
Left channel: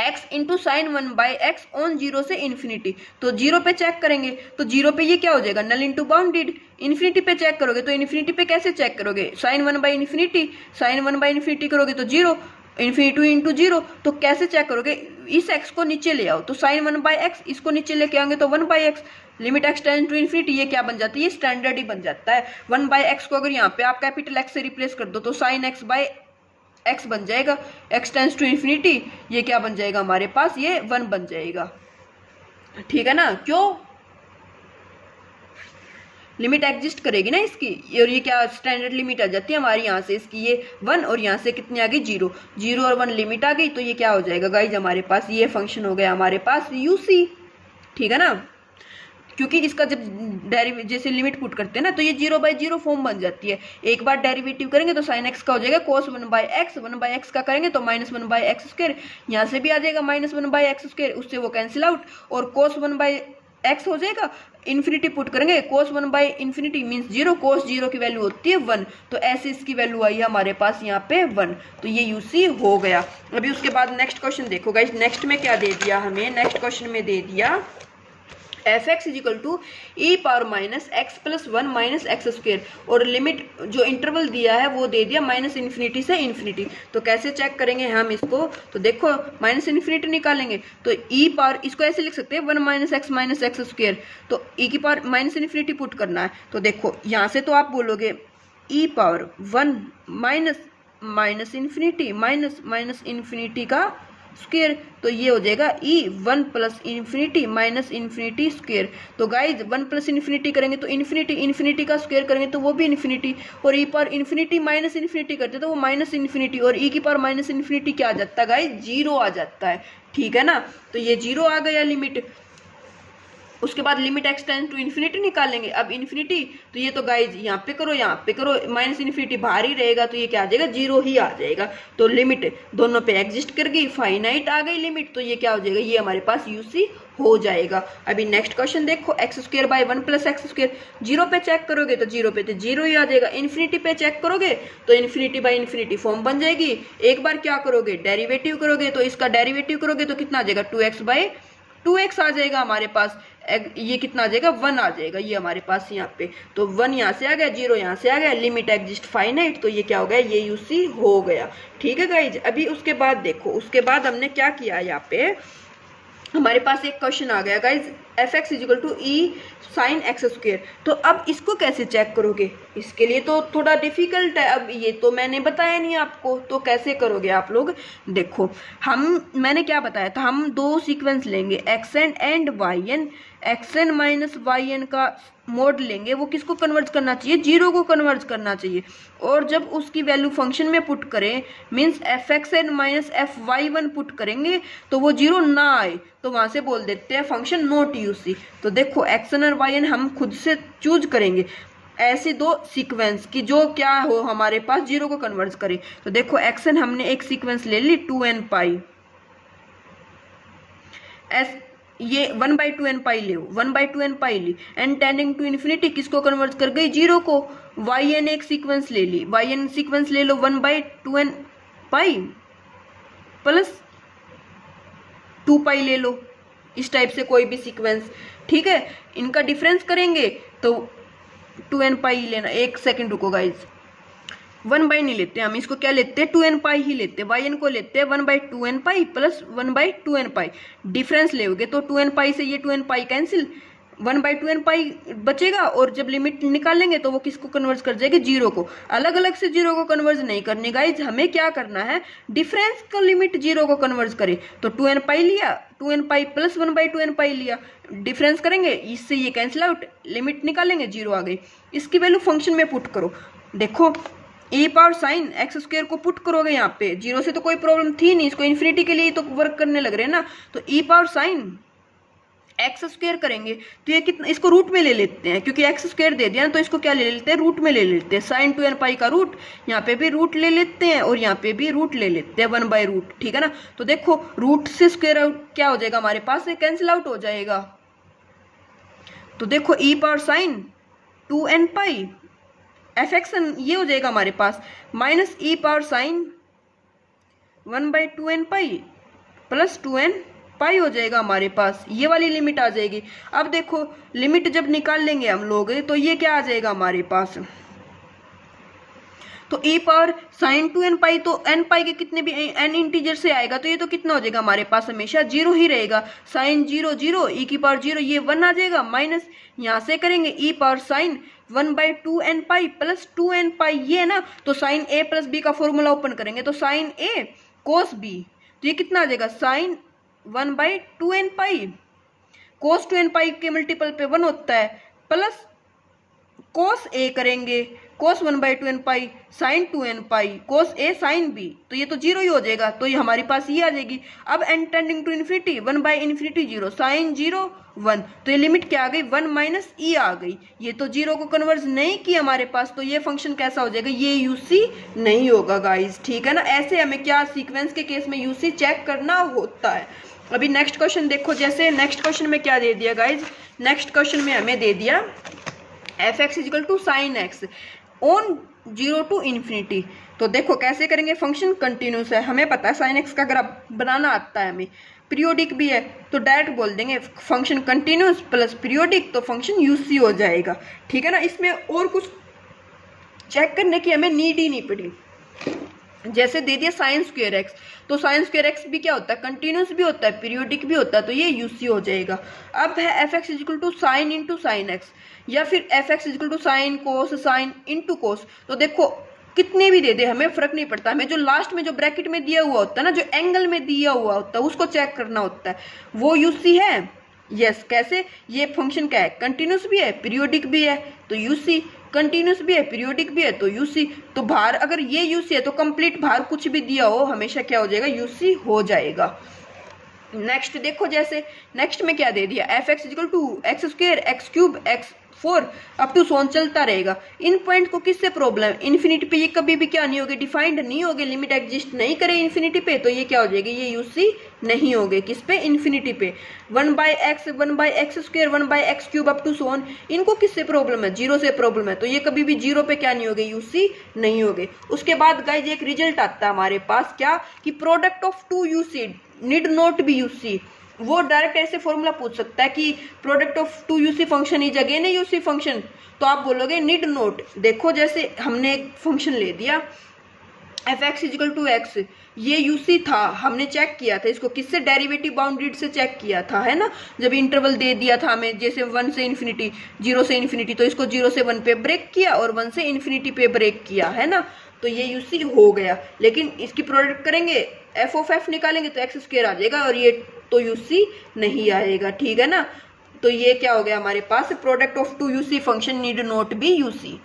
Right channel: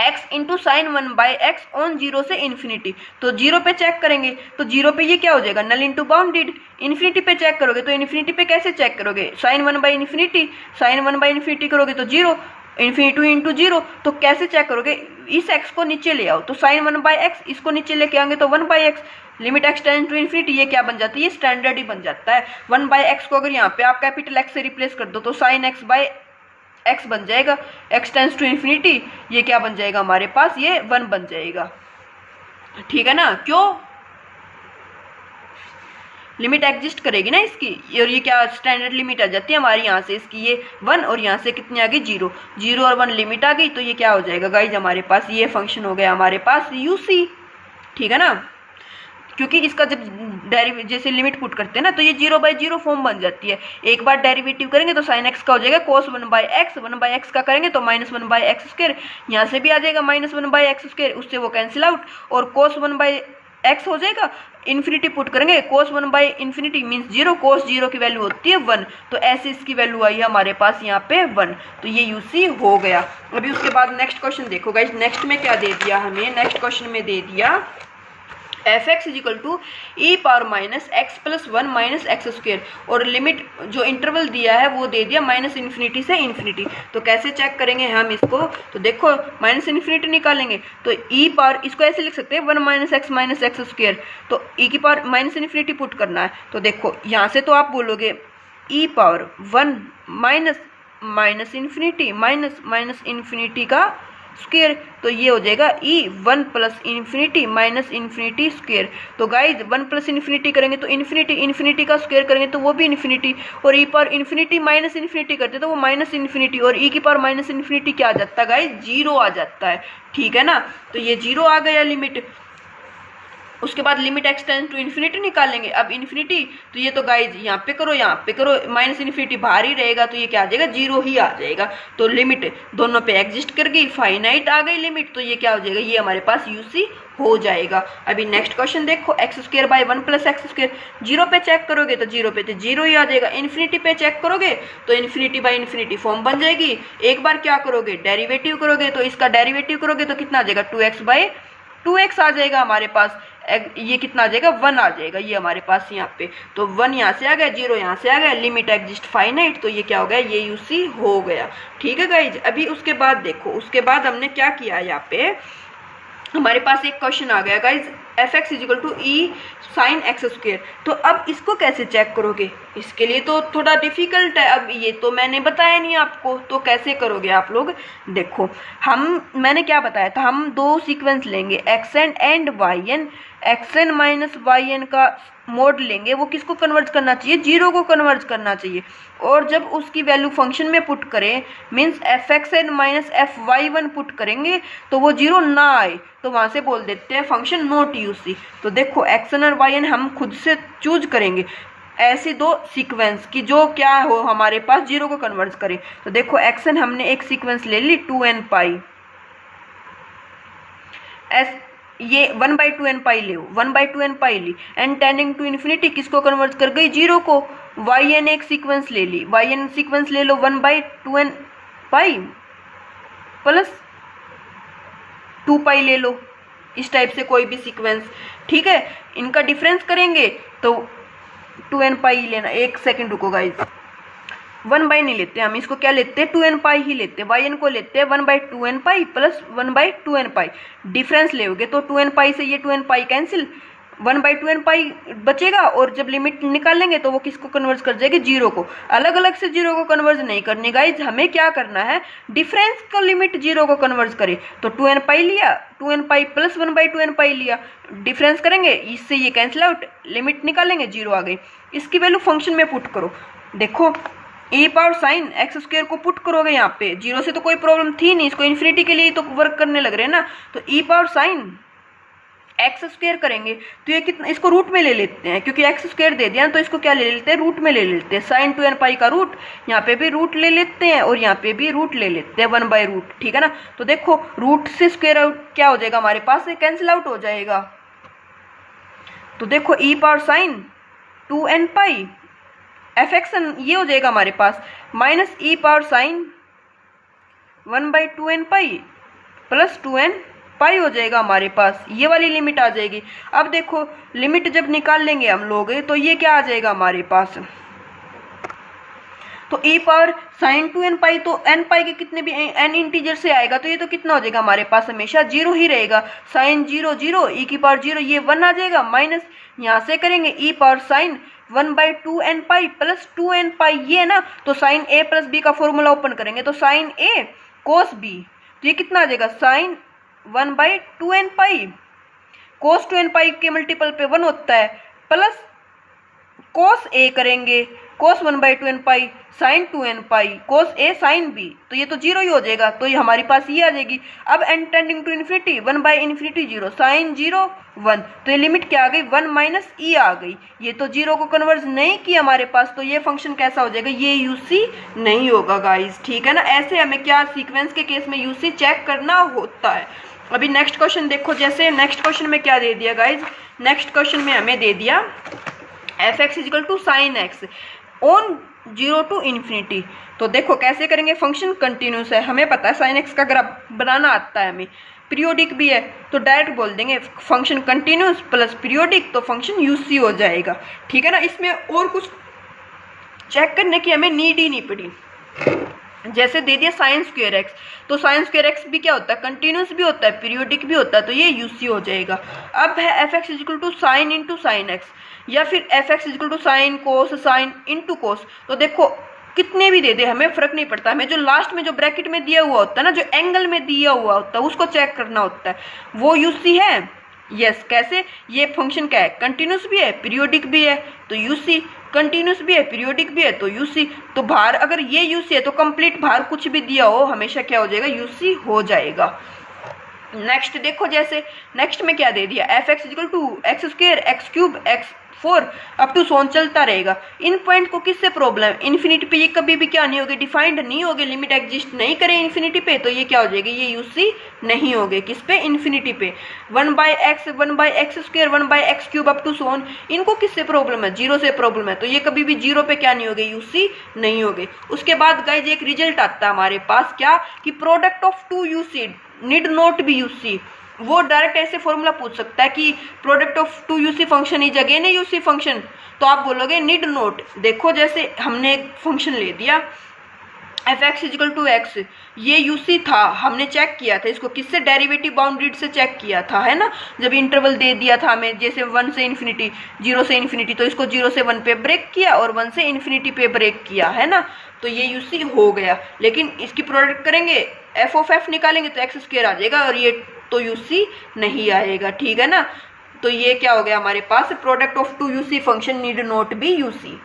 x × sin 1/x ऑन 0 से इन्फिनिटी, तो 0 पे चेक करेंगे तो 0 पे ये क्या हो जाएगा, नल इंटू बाउंडेड। इन्फिनिटी पे चेक करोगे तो इन्फिनिटी पे कैसे चेक करोगे, sin 1/इन्फिनिटी करोगे तो 0, इन्फिनिटी × 0, तो कैसे चेक करोगे, इस x को नीचे ले आओ, तो sin 1/x, इसको नीचे लेके आएंगे तो 1/x, limit x tend to infinity, ये क्या बन जाता है, ये स्टैंडर्ड ही बन जाता है। 1/x को अगर यहाँ पे आप कैपिटल x से रिप्लेस कर दो तो sin x/x बन जाएगा, x टेंड्स टू इन्फिनिटी, ये क्या बन जाएगा हमारे पास, ये 1 बन जाएगा, ठीक है ना। क्यों, लिमिट एग्जिस्ट करेगी ना इसकी, और ये क्या स्टैंडर्ड लिमिट आ जाती है हमारी, यहाँ से इसकी ये 1 और यहाँ से कितनी आ गई 0, 0 और 1 लिमिट आ गई, तो ये क्या हो जाएगा गाइज हमारे पास, ये फंक्शन हो गया हमारे पास यूसी, ठीक है ना। क्योंकि इसका जब जैसे लिमिट पुट करते हैं ना तो ये 0/0 फॉर्म बन जाती है। एक बार डेरिवेटिव करेंगे तो साइन एक्स का हो जाएगा cos 1/x, 1/x का करेंगे तो -1/x², यहाँ से भी आ जाएगा -1/x², उससे वो कैंसिल आउट, और cos 1/x हो जाएगा, इन्फिनिटी पुट करेंगे cos 1/∞ मीन्स 0, cos 0 की वैल्यू होती है 1, तो ऐसे इसकी वैल्यू आई है हमारे पास यहाँ पे 1, तो ये यूसी हो गया। अभी उसके बाद नेक्स्ट क्वेश्चन देखो गाइस, नेक्स्ट में क्या दे दिया हमें, नेक्स्ट क्वेश्चन में दे दिया fx = e⁻x + 1 - x², और लिमिट जो इंटरवल दिया है वो दे दिया -∞ से ∞। तो कैसे चेक करेंगे हम इसको, तो देखो -∞ निकालेंगे तो इसको ऐसे लिख सकते हैं 1 - x - x², तो e⁻∞ पुट करना है। तो देखो यहाँ से तो आप बोलोगे e⁻1 -∞ का स्क्वायर, तो ये हो जाएगा e1 + ∞ तो गाइज 1 + ∞ करेंगे तो ∞ का स्क्वायर करेंगे तो वो भी ∞, और e⁻∞ करते तो वो -∞, और e⁻∞ क्या आ जाता है गाइज, 0 आ जाता है, ठीक है ना। तो ये 0 आ गया लिमिट। उसके बाद limit x tends to infinity निकालेंगे। अब इन्फिनिटी, तो ये तो गाइज यहाँ पे करो -∞ बाहर ही रहेगा, तो ये क्या आ जाएगा, 0 ही आ जाएगा। तो लिमिट दोनों पे एग्जिस्ट कर गई, फाइनाइट आ गई लिमिट, तो ये क्या हो जाएगा, ये हमारे पास यूसी हो जाएगा। अभी नेक्स्ट क्वेश्चन देखो, x² / 1 + x², 0 पे चेक करोगे तो 0 पे तो 0 ही आ जाएगा, इन्फिनिटी पे चेक करोगे तो ∞/∞ फॉर्म बन जाएगी। एक बार क्या करोगे, डेरिवेटिव करोगे, तो इसका डेरिवेटिव करोगे तो कितना आ जाएगा, 2x आ जाएगा हमारे पास, ये कितना आ जाएगा, 1 आ जाएगा, ये हमारे पास यहाँ पे, तो 1 यहाँ से आ गया, 0 यहाँ से आ गया, लिमिट एग्जिस्ट फाइनाइट, तो ये क्या हो गया, ये यूसी हो गया, ठीक है गाइज। अभी उसके बाद देखो, उसके बाद हमने क्या किया, यहाँ पे हमारे पास एक क्वेश्चन आ गया guys, fx = e sin x², तो अब इसको कैसे चेक करोगे, इसके लिए तो थोड़ा डिफिकल्ट है, अब ये तो मैंने बताया नहीं आपको, तो कैसे करोगे आप लोग, देखो मैंने क्या बताया था, हम 2 सीक्वेंस लेंगे xn and yn, xn - yn का मोड लेंगे, वो किसको कन्वर्ट करना चाहिए, 0 को कन्वर्ट करना चाहिए, और जब उसकी वैल्यू फंक्शन में पुट करें मीन्स fxn - fy1 पुट करेंगे तो वो 0 ना आए, तो वहाँ से बोल देते हैं फंक्शन नॉट यूसी। तो देखो xn और yn हम खुद से चूज करेंगे ऐसे 2 सीक्वेंस की जो क्या हो हमारे पास 0 को कन्वर्ट करें। तो देखो xn हमने एक सीक्वेंस ले ली 2n π, ये 1/2nπ ले, 1/2nπ ली, एंड टेंडिंग टू इन्फिनिटी किसको कन्वर्ट कर गई, 0 को। yn एक सीक्वेंस ले ली, yn सीक्वेंस ले लो 1/2nπ प्लस 2π ले लो, इस टाइप से कोई भी सीक्वेंस, ठीक है। इनका डिफरेंस करेंगे तो 2nπ ही लेना, एक सेकंड रुको गाइज, 1/, नहीं लेते हम इसको, क्या लेते हैं 2nπ ही लेते हैं, yn को लेते हैं 1/2nπ प्लस 1/2nπ, डिफरेंस लेोगे तो 2nπ से ये 2nπ कैंसिल, 1/2nπ बचेगा, और जब लिमिट निकालेंगे तो वो किसको कन्वर्ट कर जाएगी, 0 को। अलग अलग से 0 को कन्वर्ट नहीं करनी गाइज, हमें क्या करना है, डिफरेंस का लिमिट 0 को कन्वर्ट करे, तो 2nπ लिया, 2nπ प्लस 1/2nπ लिया, डिफरेंस करेंगे, इससे ये कैंसिल आउट, लिमिट निकालेंगे 0 आ गई, इसकी वैल्यू फंक्शन में पुट करो। देखो e⁻sin x² को पुट करोगे यहाँ पे, 0 से तो कोई प्रॉब्लम थी नहीं, इसको इन्फिनिटी के लिए तो वर्क करने लग रहे हैं ना, तो e⁻sin x² करेंगे तो ये कितना, इसको रूट में ले लेते हैं, क्योंकि x² दे दिया ना, तो इसको क्या ले लेते हैं, रूट में ले लेते हैं, sin 2nπ का रूट, यहाँ पे भी रूट ले लेते हैं और यहाँ पे भी रूट ले लेते हैं 1/√, ठीक है ना। तो देखो रूट से स्क्वायर आउट क्या हो जाएगा हमारे पास, कैंसिल आउट हो जाएगा। तो देखो e⁻sin 2nπ fxn ये हो जाएगा हमारे पास minus e⁻sin 1/2nπ plus 2nπ हो जाएगा हमारे पास, ये वाली लिमिट आ जाएगी। अब देखो लिमिट जब निकाल लेंगे हम लोग तो ये क्या आ जाएगा हमारे पास, तो e⁻sin 2nπ, तो nπ के कितने भी n इंटीजर से आएगा तो ये तो कितना हो जाएगा हमारे पास, हमेशा 0 ही रहेगा, sin 0 0 e⁻0 ये 1 आ जाएगा, माइनस यहाँ से करेंगे e⁻sin 1/2nπ प्लस 2nπ ये ना, तो sin a प्लस b का फॉर्मूला ओपन करेंगे तो sin a cos b, तो ये कितना आ जाएगा sin 1/2nπ, cos 2nπ के मल्टीपल पे 1 होता है, प्लस cos a करेंगे कोस 1/2 n पाई साइन 2n पाई कोस ए साइन बी, तो ये तो जीरो ही हो जाएगा, तो ये हमारे पास ये आ जाएगी। अब n tending to infinity 1/∞ 0 sine 0 1, तो ये लिमिट क्या आ गई 1 माइनस ई आ गई। ये तो जीरो को कन्वर्ज नहीं किया हमारे पास, तो ये फंक्शन कैसा हो जाएगा, ये यूसी नहीं होगा गाइज, ठीक है ना। ऐसे हमें क्या सीक्वेंस के केस में यूसी चेक करना होता है। अभी नेक्स्ट क्वेश्चन देखो, जैसे नेक्स्ट क्वेश्चन में क्या दे दिया गाइज, नेक्स्ट क्वेश्चन में हमें दे दिया f x equal to sine x on 0 to infinity. तो देखो कैसे करेंगे, फंक्शन कंटिन्यूस है, हमें पता है साइन एक्स का ग्राफ बनाना आता है हमें, पीरियोडिक भी है, तो डायरेक्ट बोल देंगे फंक्शन कंटिन्यूस प्लस पीरियोडिक, तो फंक्शन यूसी हो जाएगा, ठीक है ना। इसमें और कुछ चेक करने की हमें नीड ही नहीं पड़ी। जैसे दे दिया साइन स्क्वायर एक्स, तो साइन स्क्वायर एक्स भी क्या होता है, कंटिन्यूस भी होता है, पीरियोडिक भी होता है, तो ये यूसी हो जाएगा। अब है f x equal to sine into sine x, या फिर f x equal to sine cos sine into cos. तो देखो कितने भी दे दे हमें फर्क नहीं पड़ता, हमें जो लास्ट में जो ब्रैकेट में दिया हुआ होता है ना, जो एंगल में दिया हुआ होता है उसको चेक करना होता है, वो यूसी है। यस कैसे, ये फंक्शन क्या है, कंटिन्यूस भी है पीरियोडिक भी है, तो यूसी, कंटिन्यूस भी है पीरियोडिक भी है, तो यूसी। तो भार अगर ये यूसी है तो कंप्लीट भार कुछ भी दिया हो हमेशा क्या हो जाएगा, यूसी हो जाएगा। नेक्स्ट देखो, जैसे नेक्स्ट में क्या दे दिया, f x equal to x square x cube x 4 up to so on चलता रहेगा। इन पॉइंट को किससे प्रॉब्लम, इन्फिनिटी पे ये कभी भी क्या नहीं होगी, डिफाइंड नहीं होगी, लिमिट एग्जिस्ट नहीं करे इन्फिनिटी पे, तो ये क्या हो जाएगी, ये यूसी नहीं होगे। किस पे, इन्फिनिटी पे। 1/x 1/x square 1/x cube up to so on, इनको किससे प्रॉब्लम है, जीरो से प्रॉब्लम है, तो ये कभी भी जीरो पे क्या नहीं होगे, यूसी नहीं होगे। उसके बाद गाइज एक रिजल्ट आता है हमारे पास, क्या कि product of two UC need not be UC. वो डायरेक्ट ऐसे फॉर्मूला पूछ सकता है कि product of two UC function is again a UC function, तो आप बोलोगे नीड नोट। देखो जैसे हमने एक फंक्शन ले दिया f x equal to x, ये यूसी था, हमने चेक किया था इसको किससे, डेरिवेटिव बाउंड्रीड से चेक किया था, है ना। जब इंटरवल दे दिया था हमें, जैसे 1 से इन्फिनिटी 0 से इन्फिनिटी, तो इसको 0 से 1 पे ब्रेक किया और 1 से इन्फिनिटी पे ब्रेक किया, है ना, तो ये यूसी हो गया। लेकिन इसकी प्रोडक्ट करेंगे एफ ऑफ एफ निकालेंगे तो एक्स स्क्वायर आ जाएगा, और ये तो यूसी नहीं आएगा, ठीक है ना। तो ये क्या हो गया हमारे पास, product of two UC function need not be UC.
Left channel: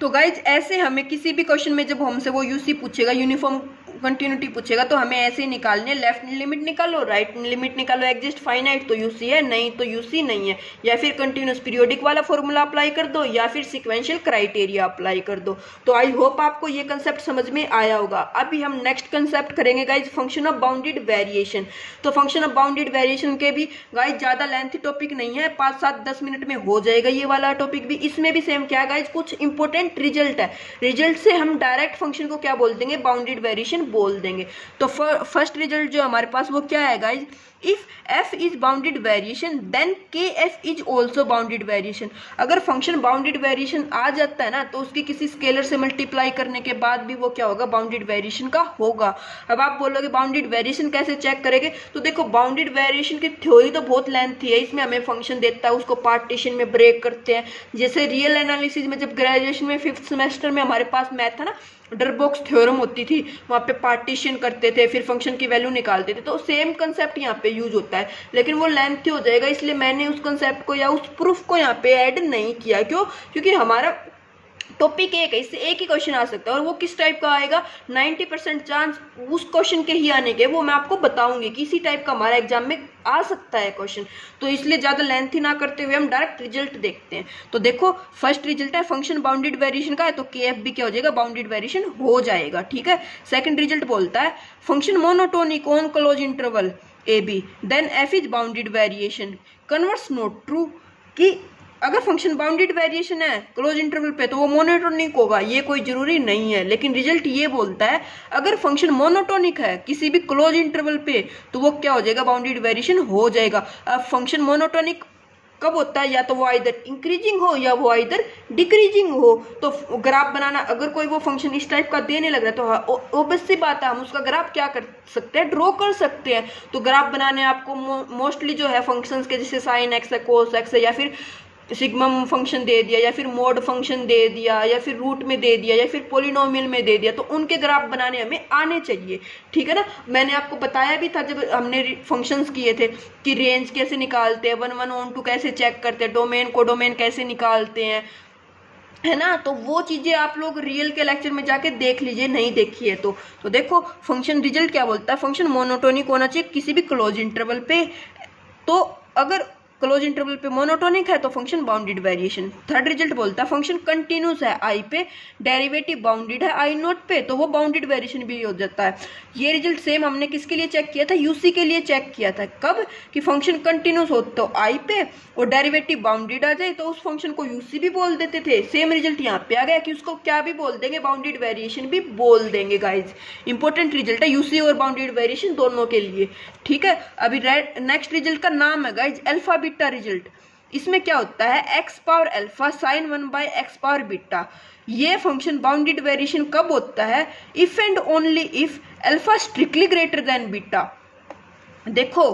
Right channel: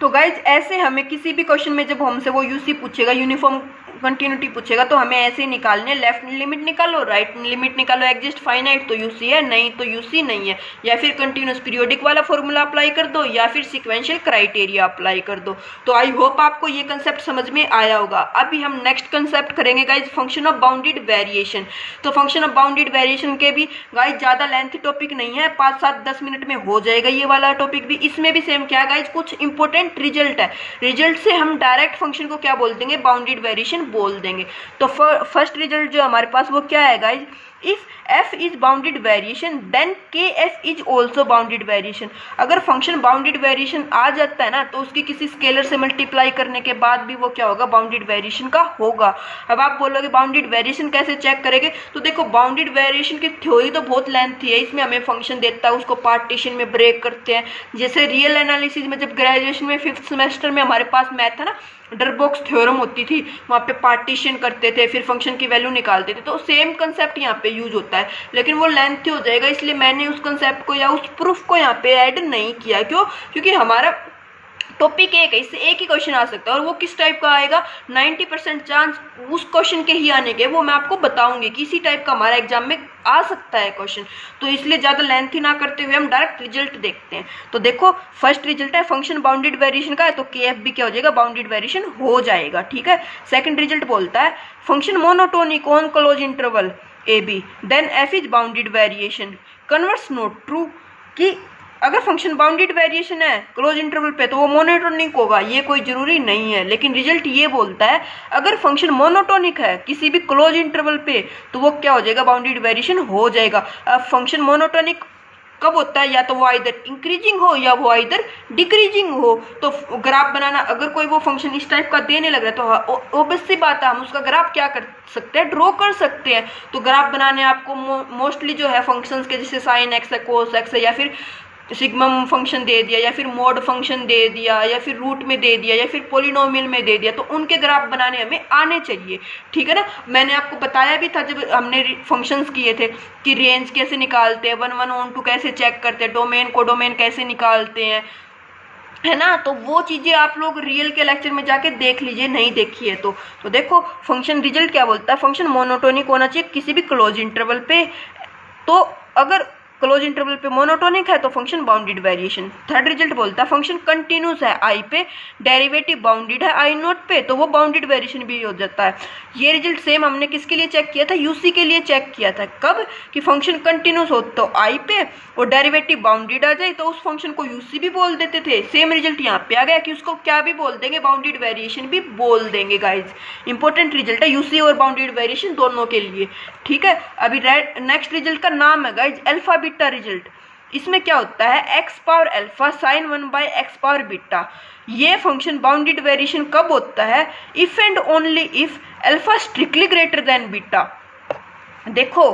तो गाइज ऐसे हमें किसी भी क्वेश्चन में जब हमसे वो यूसी पूछेगा, यूनिफॉर्म कंटिन्यूटी पूछेगा, तो हमें ऐसे ही निकालने, लेफ्ट लिमिट निकालो राइट लिमिट निकालो, एग्जिस्ट फाइनाइट तो यूसी है, नहीं तो यूसी नहीं है, या फिर कंटिन्यूस पीरियोडिक वाला फॉर्मूला अप्लाई कर दो, या फिर सिक्वेंशियल क्राइटेरिया अप्लाई कर दो। तो आई होप आपको ये कंसेप्ट समझ में आया होगा। अभी हम नेक्स्ट कंसेप्ट करेंगे guys, function of bounded variation. तो फंक्शन ऑफ बाउंडेड वेरिएशन के भी गाइज ज़्यादा लेंथी टॉपिक नहीं है, 5 7 10 मिनट में हो जाएगा ये वाला टॉपिक भी। इसमें भी सेम क्या गाइज, कुछ इंपॉर्टेंट रिजल्ट है, रिजल्ट से हम डायरेक्ट फंक्शन को क्या बोल देंगे, बाउंडेड वेरिएशन बोल देंगे। तो फर्स्ट रिजल्ट जो हमारे पास वो क्या है guys, if f is bounded variation then kf is also bounded variation. अगर फंक्शन बाउंडेड वेरिएशन आ जाता है ना, तो उसकी किसी स्केलर से मल्टीप्लाई करने के बाद भी वो क्या होगा, बाउंडेड वेरिएशन का होगा। अब आप बोलोगे बाउंडेड वेरिएशन कैसे चेक करेंगे, तो देखो बाउंडेड वेरिएशन की थ्योरी तो बहुत लेंथी है, इसमें हमें फंक्शन देता है उसको पार्टीशन में ब्रेक करते हैं। जैसे रियल एनालिसिस में जब ग्रेजुएशन में 5th सेमेस्टर में हमारे पास मैथ था ना, डरबॉक्स थ्योरम होती थी, वहाँ पे पार्टीशन करते थे, फिर फंक्शन की वैल्यू निकालते थे, तो सेम कंसेप्ट यहाँ पे यूज होता है, लेकिन वो लेंथी हो जाएगा, इसलिए मैंने उस कंसेप्ट को या उस प्रूफ को यहाँ पे ऐड नहीं किया। क्यों, क्योंकि हमारा टॉपिक एक है, इससे एक ही क्वेश्चन आ सकता है, और वो किस टाइप का आएगा, 90% चांस उस क्वेश्चन के ही आने के, वो मैं आपको बताऊंगी कि इसी टाइप का हमारा एग्जाम में आ सकता है क्वेश्चन। तो इसलिए ज़्यादा लेंथी ना करते हुए हम डायरेक्ट रिजल्ट देखते हैं। तो देखो फर्स्ट रिजल्ट है फंक्शन बाउंडेड वेरिएशन का है, तो के एफ भी क्या हो जाएगा, बाउंडेड वेरिएशन हो जाएगा, ठीक है। सेकंड रिजल्ट बोलता है function monotonic on close interval a b then f is bounded variation, converse not true, कि अगर फंक्शन बाउंडेड वेरिएशन है क्लोज इंटरवल पे तो वो मोनोटोनिक होगा, ये कोई जरूरी नहीं है। लेकिन रिजल्ट ये बोलता है अगर फंक्शन मोनोटोनिक है किसी भी क्लोज इंटरवल पे तो वो क्या हो जाएगा, बाउंडेड वेरिएशन हो जाएगा। अब फंक्शन मोनोटोनिक कब होता है, या तो वो आइदर इंक्रीजिंग हो या वो आइदर डिक्रीजिंग हो। तो ग्राफ बनाना, अगर कोई वो फंक्शन इस टाइप का देने लग रहा है तो ऑब्वियस सी बात है हम उसका ग्राफ क्या कर सकते हैं, ड्रॉ कर सकते हैं। तो ग्राफ बनाने आपको मोस्टली जो है फंक्शंस के, जैसे साइन एक्स है, कोस एक्स है, या फिर सिग्मम फंक्शन दे दिया, या फिर मोड फंक्शन दे दिया, या फिर रूट में दे दिया, या फिर पोलिनोमियल में दे दिया, तो उनके ग्राफ बनाने हमें आने चाहिए, ठीक है ना। मैंने आपको बताया भी था जब हमने फंक्शंस किए थे कि रेंज कैसे निकालते हैं, 1 1 ऑन 2 कैसे चेक करते हैं, डोमेन को डोमेन कैसे निकालते हैं, है ना। तो वो चीज़ें आप लोग रियल के लेक्चर में जाके देख लीजिए, नहीं देखी है तो देखो फंक्शन रिजल्ट क्या बोलता है, फंक्शन मोनोटोनिक होना चाहिए किसी भी क्लोज इंटरवल पे। तो अगर क्लोज इंटरवल पे मोनोटोनिक है तो function bounded variation. Third result बोलता है फंक्शन कंटिन्यूस है आई पे, डेरिवेटिव बाउंडेड है आई नोट पे, तो वो बाउंडेड वेरिएशन भी हो जाता है। ये रिजल्ट सेम हमने किसके लिए चेक किया था, यूसी के लिए चेक किया था। कब कि फंक्शन कंटिन्यूस हो तो आई पे और डेरिवेटिव बाउंडेड आ जाए तो उस फंक्शन को यूसी भी बोल देते थे। सेम रिजल्ट यहाँ पे आ गया कि उसको क्या भी बोल देंगे, बाउंडेड वेरिएशन भी बोल देंगे गाइज। इंपॉर्टेंट रिजल्ट है यूसी और बाउंडेड वेरिएशन दोनों के लिए, ठीक है। अभी नेक्स्ट रिजल्ट का नाम है गाइज अल्फा बीटा रिजल्ट। इसमें क्या होता है, x power alpha sign 1/x power beta. ये फंक्शन बाउंडेड वेरिएशन कब होता है, if and only if alpha strictly greater than beta. देखो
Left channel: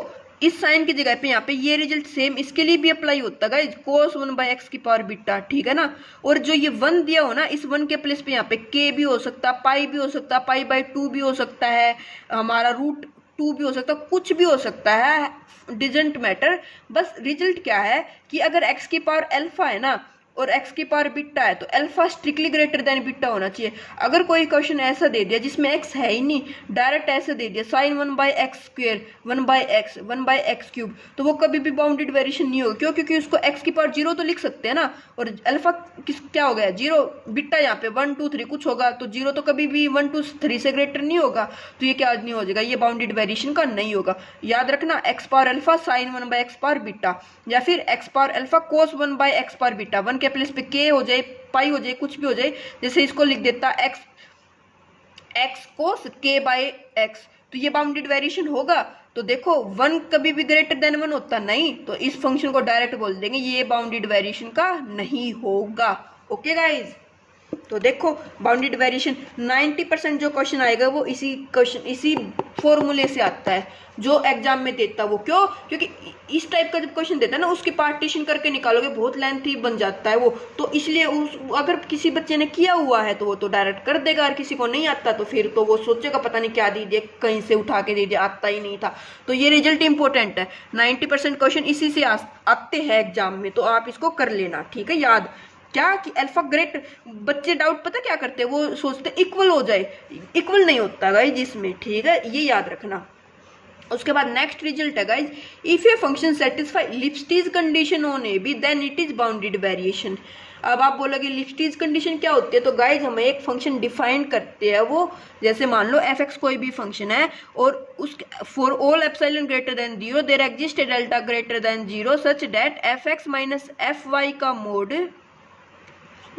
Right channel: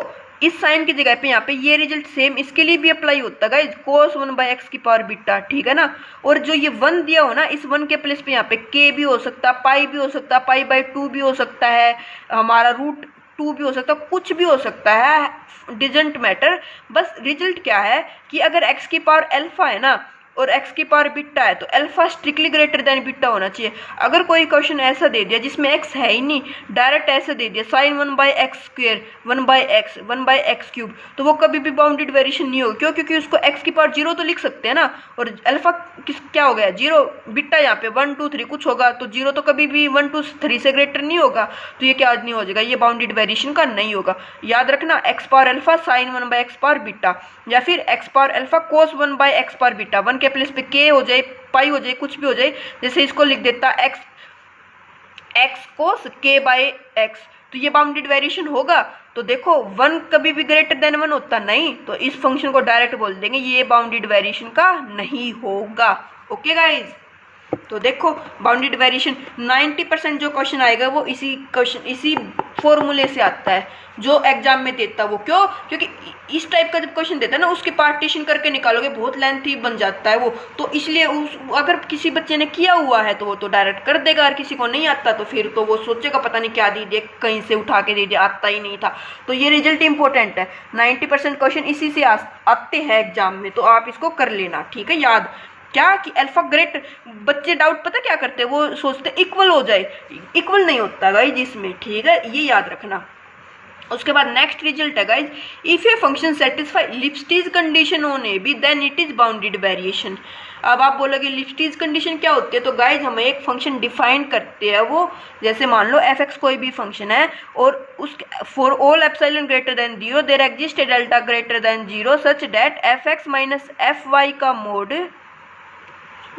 इस साइन की जगह पे यहाँ पे ये रिजल्ट सेम इसके लिए भी अप्लाई होता है गाइज, cos 1/x की पावर बीटा, ठीक है ना। और जो ये 1 दिया हो ना, इस 1 के प्लेस पे यहाँ पे k भी हो सकता है, पाई भी हो सकता है, पाई/2 भी हो सकता है, हमारा √2 भी हो सकता है, कुछ भी हो सकता है, डिजंट मैटर। बस रिजल्ट क्या है कि अगर x की पावर अल्फा है ना और x की पावर बीटा है तो alpha strictly greater than beta होना चाहिए। अगर कोई क्वेश्चन ऐसा दे दिया जिसमें x है ही नहीं, डायरेक्ट ऐसे दे दिया साइन 1/x², 1/x, 1/x³, तो वो कभी भी बाउंडेड वेरिएशन नहीं होगी। क्यों, क्योंकि उसको x की पावर 0 तो लिख सकते हैं ना, और अल्फा क्या हो गया 0, बीटा यहाँ पे 1 2 3 कुछ होगा, तो 0 तो कभी भी 1 2 3 से ग्रेटर नहीं होगा, तो ये क्या नहीं हो जाएगा, ये बाउंडेड वेरिएशन का नहीं होगा। याद रखना x power alpha sign 1/x power beta, या फिर x power alpha cos 1/x power beta. 1 के प्लेस पे k हो जाए, पाई हो जाए, कुछ भी हो जाए, जैसे इसको लिख देता x cos k/x, तो ये बाउंडेड वेरिएशन होगा। तो देखो 1 कभी भी ग्रेटर देन 1 होता नहीं, तो इस फंक्शन को डायरेक्ट बोल देंगे ये बाउंडेड वेरिएशन का नहीं होगा। ओके गाइज, तो देखो बाउंडेड वेरिएशन 90% जो क्वेश्चन आएगा वो इसी फॉर्मूले से आता है जो एग्जाम में देता है। वो क्यों, क्योंकि इस टाइप का जब क्वेश्चन देता है ना उसके पार्टीशन करके निकालोगे बहुत लेंथी बन जाता है वो, तो इसलिए अगर किसी बच्चे ने किया हुआ है तो वो तो डायरेक्ट कर देगा, और किसी को नहीं आता तो फिर तो वो सोचेगा पता नहीं क्या दे दिया, कहीं से उठा के दे दिया, आता ही नहीं था। तो ये रिजल्ट इंपॉर्टेंट है, 90% क्वेश्चन इसी से आते हैं एग्जाम में, तो आप इसको कर लेना, ठीक है। याद क्या कि अल्फा ग्रेटर, बच्चे डाउट पता क्या करते हैं, वो सोचते इक्वल हो जाए, इक्वल नहीं होता गाइज इसमें, ठीक है, ये याद रखना। उसके बाद नेक्स्ट रिजल्ट है guys, if a function satisfy Lipschitz condition on a b then it is bounded variation. अब आप बोलोगे लिप्स्टीज कंडीशन क्या होती है, तो गाइज हम एक फंक्शन डिफाइन करते हैं, वो जैसे मान लो f(x) कोई भी फंक्शन है और उसके for all epsilon greater than 0 there exist a delta greater than 0 such that f(x minus fy का मोड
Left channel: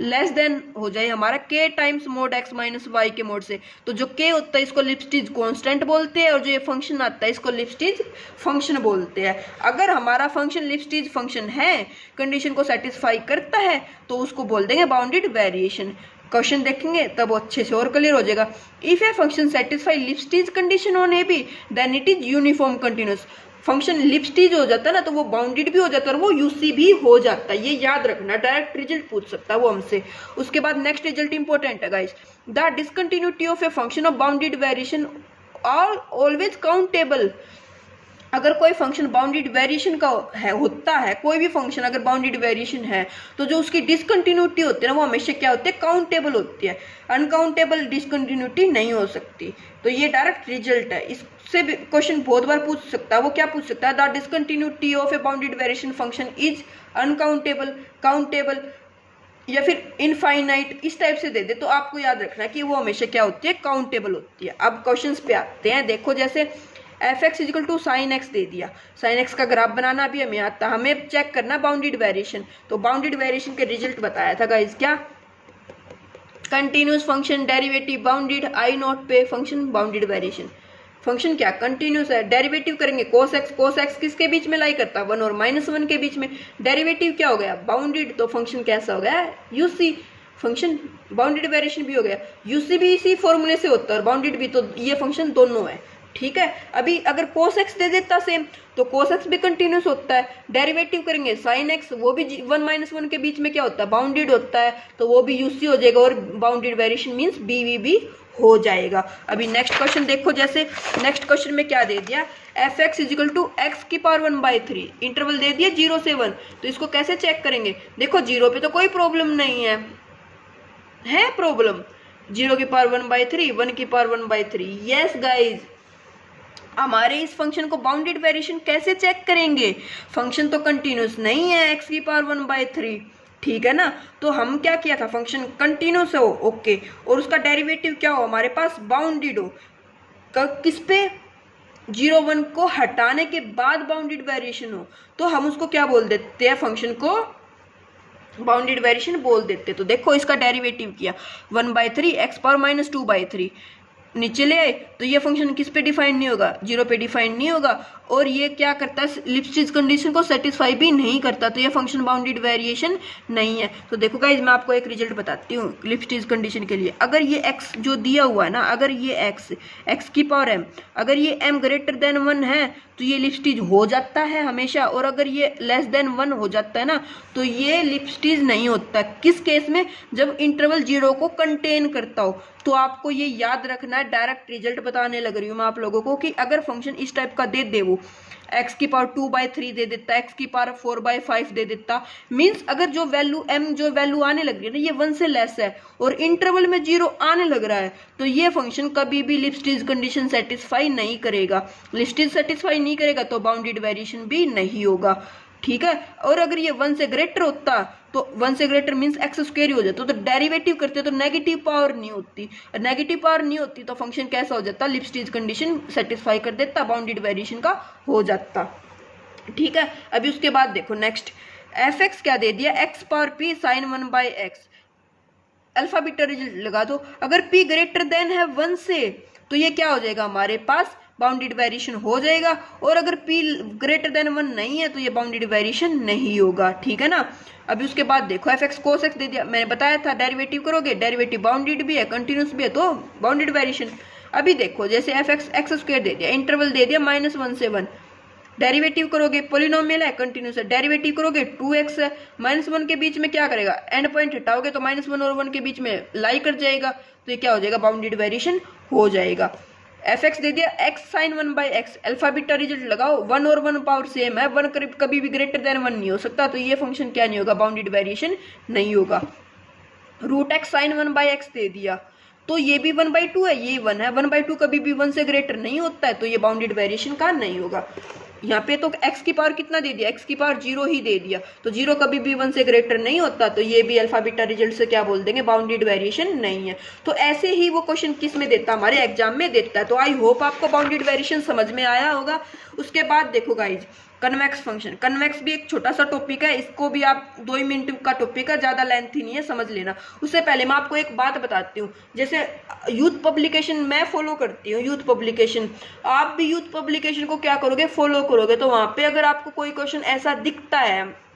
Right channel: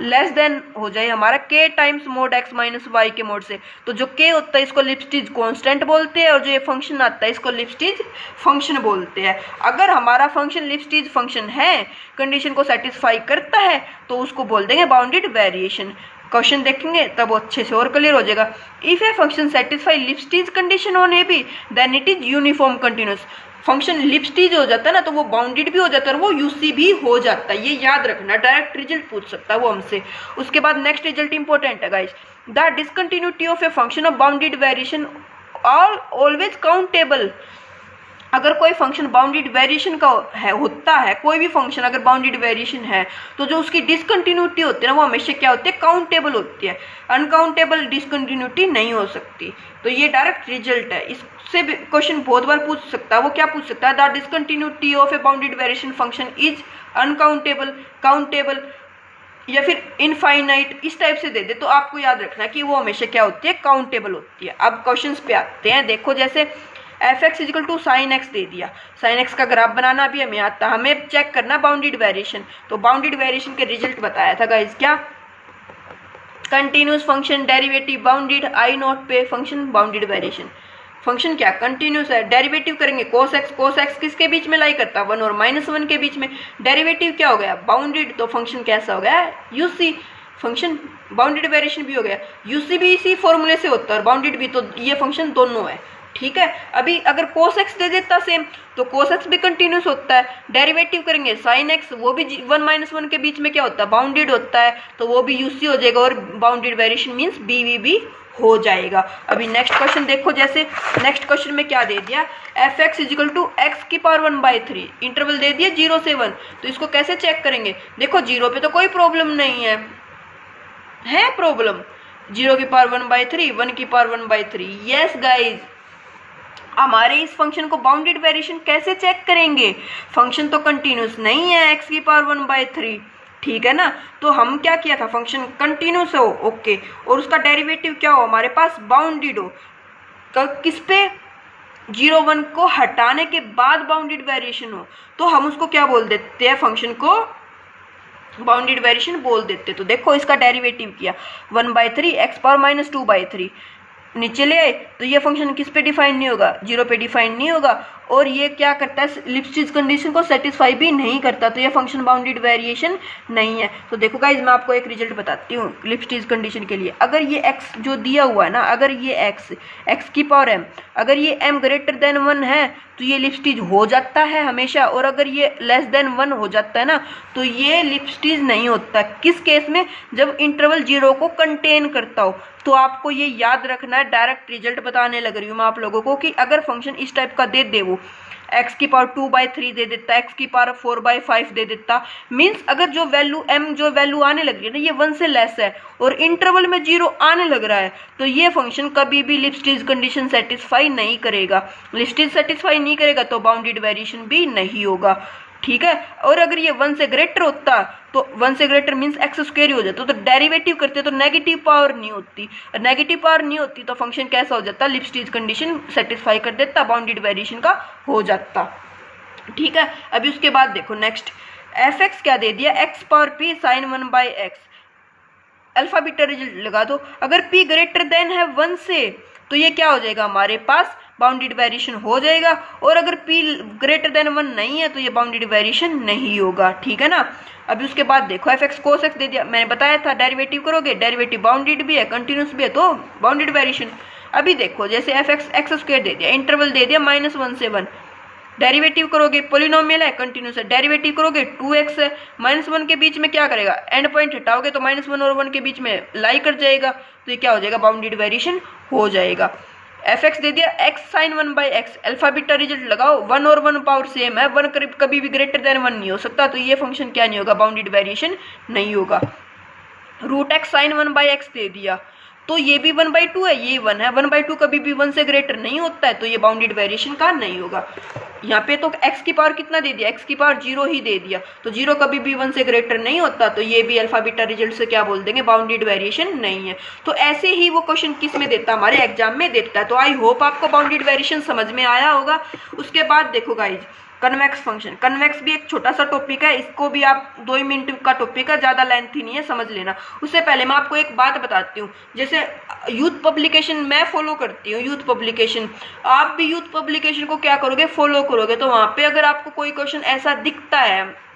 लेस देन हो जाए हमारा k times mod x minus y के मोड से। तो जो k होता है इसको लिप्स्टीज कांस्टेंट बोलते हैं, और जो ये फंक्शन आता है इसको लिप्स्टीज फंक्शन बोलते हैं। अगर हमारा फंक्शन लिप्स्टीज फंक्शन है, कंडीशन को सेटिस्फाई करता है, तो उसको बोल देंगे बाउंडेड वेरिएशन। क्वेश्चन देखेंगे तब अच्छे से और क्लियर हो जाएगा। If a function satisfy Lipschitz condition on a b then it is uniform continuous. Function Lipschitz हो जाता है ना तो वो बाउंडेड भी हो जाता है और वो यूसी भी हो जाता है, ये याद रखना, डायरेक्ट रिजल्ट पूछ सकता है वो हमसे। उसके बाद नेक्स्ट रिजल्ट इंपॉर्टेंट है guys, the discontinuity of a function of bounded variation always countable. अगर कोई फंक्शन बाउंडेड वेरिएशन का होता है, कोई भी फंक्शन अगर बाउंडेड वेरिएशन है, तो जो उसकी डिसकंटिन्यूटी होती है ना वो हमेशा क्या होती है, काउंटेबल होती है, अनकाउंटेबल डिसकंटिन्यूटी नहीं हो सकती। तो ये डायरेक्ट रिजल्ट है, इससे भी क्वेश्चन बहुत बार पूछ सकता है। वो क्या पूछ सकता है, the discontinuity of a bounded variation function is uncountable, countable या फिर इनफाइनाइट, इस टाइप से दे दे तो आपको याद रखना कि वो हमेशा क्या होती है, काउंटेबल होती है। अब क्वेश्चन पे आते हैं, देखो जैसे f(x) equal to sine x दे दिया, साइन एक्स का ग्राफ बनाना भी हमें आता, हमें चेक करना बाउंडेड वेरिएशन। तो बाउंडेड वेरिएशन के रिजल्ट बताया था गाइज, क्या continuous function derivative bounded I not पे फंक्शन बाउंडेड वेरिएशन। फंक्शन क्या कंटिन्यूस है, डेरिवेटिव करेंगे cos x किसके बीच में लाई करता है, 1 और -1 के बीच में। डेरिवेटिव क्या हो गया, बाउंडेड, तो फंक्शन कैसा हो गया, यूसी, फंक्शन बाउंडेड वेरिएशन भी हो गया। यूसी भी इसी फॉर्मूले से होता है और बाउंडेड भी, तो ये फंक्शन दोनों है, ठीक है। अभी अगर cos x दे देता सेम, तो cos x भी कंटिन्यूस होता है। डेरिवेटिव करेंगे sin x, वो भी 1 -1 के बीच में क्या होता है, बाउंडेड होता है, तो वो भी यूसी हो जाएगा और बाउंडेड वेरिएशन मींस बीवी भी हो जाएगा। अभी नेक्स्ट क्वेश्चन देखो, जैसे नेक्स्ट क्वेश्चन में क्या दे दिया, f(x) इजिकल टू x की पावर 1/3, इंटरवल दे दिया 0 से 1, तो इसको कैसे चेक करेंगे। देखो 0 पे तो कोई प्रॉब्लम नहीं है, है प्रॉब्लम? 0⁻�1/3, 1⁻�1/3। यस गाइज, हमारे इस फंक्शन को बाउंडेड वेरिएशन कैसे चेक करेंगे? फंक्शन तो कंटिन्यूस नहीं है x⁻�1/3, ठीक है ना। तो हम क्या किया था, फंक्शन कंटिन्यूस हो, ओके, और उसका डेरिवेटिव क्या हो, हमारे पास बाउंडेड हो। किस पे? 0 1 को हटाने के बाद बाउंडेड वेरिएशन हो, तो हम उसको क्या बोल देते हैं, फंक्शन को बाउंडेड वेरिएशन बोल देते। तो देखो इसका डेरिवेटिव किया 1/3 x⁻⁻2/3, नीचे ले आए तो ये फंक्शन किस पे डिफाइन नहीं होगा, 0 पे डिफाइन नहीं होगा, और ये क्या करता है, लिप्सिज कंडीशन को सेटिस्फाई भी नहीं करता, तो ये फंक्शन बाउंडेड वेरिएशन नहीं है। तो देखो गाइज, मैं आपको एक रिजल्ट बताती हूँ लिप्सिज कंडीशन के लिए। अगर ये x जो दिया हुआ है ना, अगर ये x⁻m, अगर ये m>1 है तो ये लिप्सिज हो जाता है हमेशा, और अगर ये <1 हो जाता है ना तो ये लिप्सिज नहीं होता। किस केस में? जब इंटरवल 0 को कंटेन करता हो। तो आपको ये याद रखना है, डायरेक्ट रिजल्ट बताने लग रही हूँ मैं आप लोगों को, कि अगर फंक्शन इस टाइप का दे वो x⁻2/3 दे देता, x⁻4/5 दे देता, मीन्स अगर जो वैल्यू आने लग रही है ना, ये 1 से लेस है और इंटरवल में 0 आने लग रहा है, तो ये फंक्शन कभी भी लिप्सिज कंडीशन सेटिस्फाई नहीं करेगा। लिप्सिज सेटिस्फाई नहीं करेगा तो बाउंडेड वेरिएशन भी नहीं होगा, ठीक है। और अगर ये 1 से ग्रेटर होता, तो 1 से ग्रेटर मीन्स x² ही हो जाता, तो डेरिवेटिव करते तो नेगेटिव पावर नहीं होती, नेगेटिव पावर नहीं होती तो फंक्शन कैसा हो जाता, लिप्सिज कंडीशन सेटिस्फाई कर देता, बाउंडेड वेरिएशन का हो जाता, ठीक है। अभी उसके बाद देखो नेक्स्ट, f(x) क्या दे दिया, x⁻p sin 1/x, alpha beta result लगा दो। अगर p ग्रेटर देन है 1 से, तो ये क्या हो जाएगा, हमारे पास बाउंडेड वेरिएशन हो जाएगा, और अगर p ग्रेटर देन 1 नहीं है तो ये बाउंडेड वेरिएशन नहीं होगा, ठीक है ना। अभी उसके बाद देखो f(x) cos x दे दिया, मैंने बताया था डेरिवेटिव करोगे, डेरिवेटिव बाउंडेड भी है कंटिन्यूस भी है, तो बाउंडेड वेरिएशन। अभी देखो जैसे f(x) x² दे दिया, इंटरवल दे दिया -1 से 1, डेरिवेटिव करोगे, पोलिनोमियल है कंटिन्यूस है, डेरिवेटिव करोगे 2x है, -1 के बीच में क्या करेगा, एंड पॉइंट हटाओगे तो -1 और 1 के बीच में लाई कर जाएगा, तो ये क्या हो जाएगा, बाउंडेड वेरिएशन हो जाएगा। f(x) दे दिया x sin 1/x, alpha beta result लगाओ, 1 और 1 पावर सेम है, 1 कभी भी ग्रेटर देन 1 नहीं हो सकता, तो ये फंक्शन क्या नहीं होगा, बाउंडेड वेरिएशन नहीं होगा। √x sin 1/x दे दिया, तो ये भी 1/2 है, ये 1 है, 1/2 कभी भी 1 से ग्रेटर नहीं होता है, तो ये बाउंडेड वेरिएशन का नहीं होगा। यहाँ पे तो x की पावर कितना दे दिया, x की पावर 0 ही दे दिया, तो 0 कभी भी 1 से ग्रेटर नहीं होता, तो ये भी अल्फा बीटा रिजल्ट से क्या बोल देंगे, बाउंडेड वेरिएशन नहीं है। तो ऐसे ही वो क्वेश्चन किस में देता, हमारे एग्जाम में देता है। तो आई होप आपको बाउंडेड वेरिएशन समझ में आया होगा। उसके बाद देखो गाइज, कन्वेक्स फंक्शन, कन्वेक्स भी एक छोटा सा टॉपिक है, इसको भी आप 2 ही मिनट का टॉपिक है, ज़्यादा लेंथी नहीं है, समझ लेना। उससे पहले मैं आपको एक बात बताती हूँ, जैसे यूथ पब्लिकेशन मैं फॉलो करती हूँ, यूथ पब्लिकेशन, आप भी यूथ पब्लिकेशन को क्या करोगे, फॉलो करोगे, तो वहाँ पे अगर आपको कोई क्वेश्चन ऐसा दिखता है,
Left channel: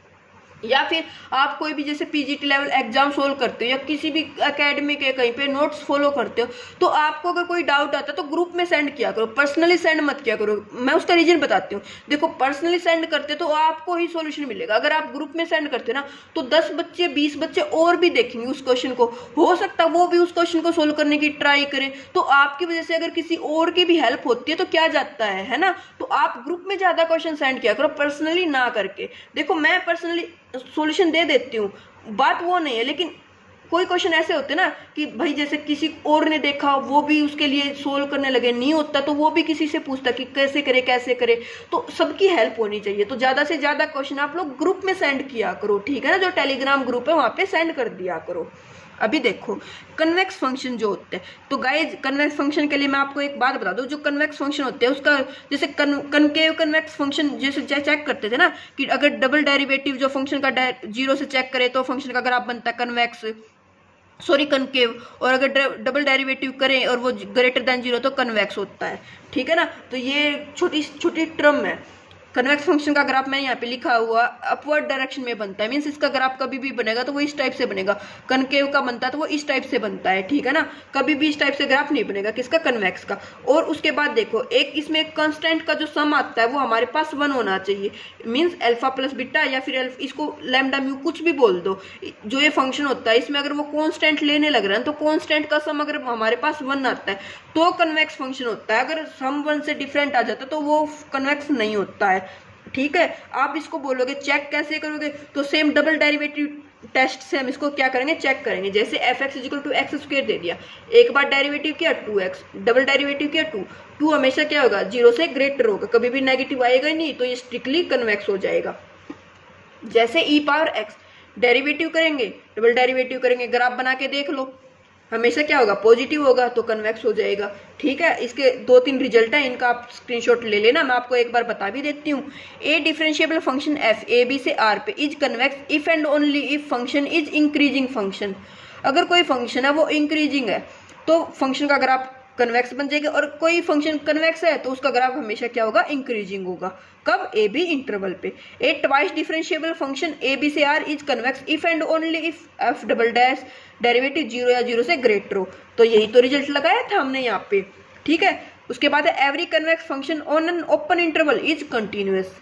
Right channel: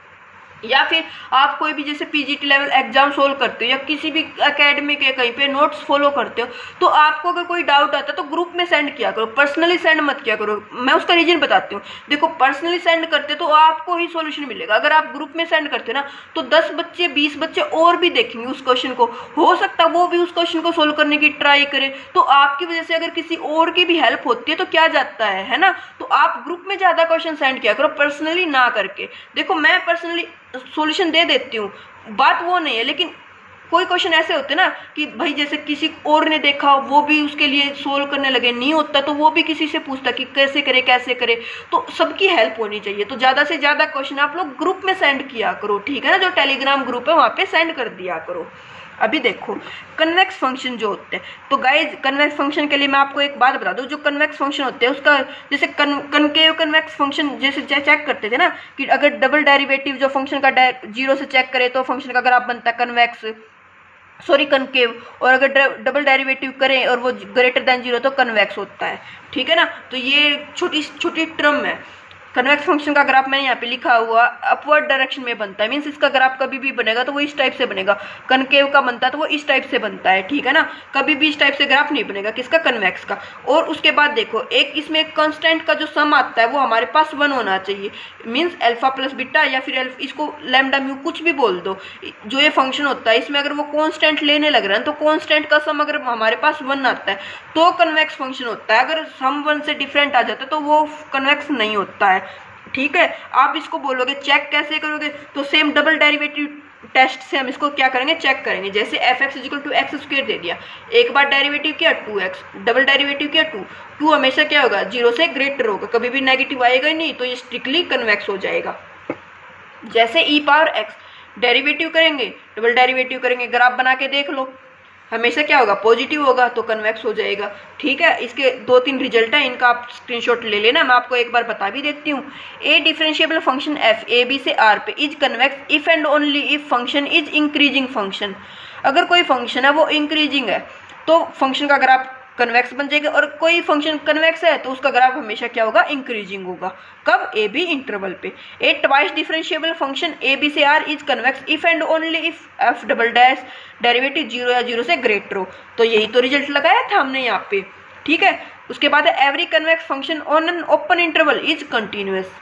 या फिर आप कोई भी जैसे पीजीटी लेवल एग्जाम सोल्व करते हो, या किसी भी एकेडमी के कहीं पे नोट्स फॉलो करते हो, तो आपको अगर कोई डाउट आता है तो ग्रुप में सेंड किया करो, पर्सनली सेंड मत किया करो। मैं उसका रीजन बताती हूँ। देखो, पर्सनली सेंड करते तो आपको ही सॉल्यूशन मिलेगा, अगर आप ग्रुप में सेंड करते ना तो 10 बच्चे 20 बच्चे और भी देखेंगे उस क्वेश्चन को, हो सकता है वो भी उस क्वेश्चन को सोल्व करने की ट्राई करे, तो आपकी वजह से अगर किसी और की भी हेल्प होती है तो क्या जाता है ना। तो आप ग्रुप में ज़्यादा क्वेश्चन सेंड किया करो, पर्सनली ना करके। देखो, मैं पर्सनली सॉल्यूशन दे देती हूँ, बात वो नहीं है, लेकिन कोई क्वेश्चन ऐसे होते ना कि भाई जैसे किसी और ने देखा, वो भी उसके लिए सोल्व करने लगे, नहीं होता तो वो भी किसी से पूछता कि कैसे करे, तो सबकी हेल्प होनी चाहिए। तो ज़्यादा से ज़्यादा क्वेश्चन आप लोग ग्रुप में सेंड किया करो, ठीक है ना, जो टेलीग्राम ग्रुप है वहाँ पे सेंड कर दिया करो। अभी देखो कन्वेक्स फंक्शन जो होते हैं, तो गाइज कन्वेक्स फंक्शन के लिए मैं आपको एक बात बता दूं, जो कन्वेक्स फंक्शन होते हैं उसका जैसे कनकेव कन्वेक्स फंक्शन जैसे चेक करते थे ना, कि अगर डबल डेरिवेटिव जो फंक्शन का 0 से चेक करे तो फंक्शन का ग्राफ बनता है कनकेव, और अगर डबल डेरिवेटिव करें और वो ग्रेटर देन 0 तो कन्वेक्स होता है, ठीक है ना। तो ये छोटी छोटी टर्म है। कन्वेक्स फंक्शन का ग्राफ मैंने यहाँ पे लिखा हुआ अपवर्ड डायरेक्शन में बनता है, मीन्स इसका ग्राफ कभी भी बनेगा तो वो इस टाइप से बनेगा, कनकेव का बनता है तो वो इस टाइप से बनता है, ठीक है ना, कभी भी इस टाइप से ग्राफ नहीं बनेगा किसका, कन्वेक्स का। और उसके बाद देखो, एक इसमें कांस्टेंट का जो सम आता है वो हमारे पास 1 होना चाहिए, मीन्स अल्फा प्लस बीटा, या फिर इसको लैम्डा म्यू कुछ भी बोल दो, जो ये फंक्शन होता है इसमें अगर वो कांस्टेंट लेने लग रहा है तो कांस्टेंट का सम अगर हमारे पास 1 आता है तो कन्वेक्स फंक्शन होता है, अगर सम 1 से डिफरेंट आ जाता है तो वो कन्वेक्स नहीं होता है, ठीक है। आप इसको बोलोगे चेक कैसे करोगे, तो सेम डबल डेरिवेटिव टेस्ट से हम इसको क्या करेंगे, चेक करेंगे। जैसे f x equal to x square दे दिया, एक बार डेरिवेटिव किया 2x, डबल डेरिवेटिव किया 2 हमेशा क्या होगा, 0 से ग्रेटर होगा, कभी भी नेगेटिव आएगा ही नहीं, तो ये स्ट्रिक्टली कन्वेक्स हो जाएगा। जैसे ई पावर एक्स डेरिवेटिव करेंगे, डबल डेरिवेटिव करेंगे, ग्राफ बना के देख लो, हमेशा क्या होगा, पॉजिटिव होगा, तो कन्वेक्स हो जाएगा। ठीक है, इसके 2-3 रिजल्ट है, इनका आप स्क्रीनशॉट ले लेना, मैं आपको एक बार बता भी देती हूँ। A differentiable function f a b से आर पे is convex if and only if function is increasing function. अगर कोई फंक्शन है वो इंक्रीजिंग है तो फंक्शन का ग्राफ कन्वेक्स बन जाएगा, और कोई फंक्शन कन्वेक्स है तो उसका ग्राफ हमेशा क्या होगा, इंक्रीजिंग होगा। कब, ए बी इंटरवल पे। A twice differentiable function a b से R is convex if and only if f double dash derivative 0 या 0 से ग्रेटर हो। तो यही तो रिजल्ट लगाया था हमने यहाँ पे। ठीक है, उसके बाद है every convex function on an open interval is continuous.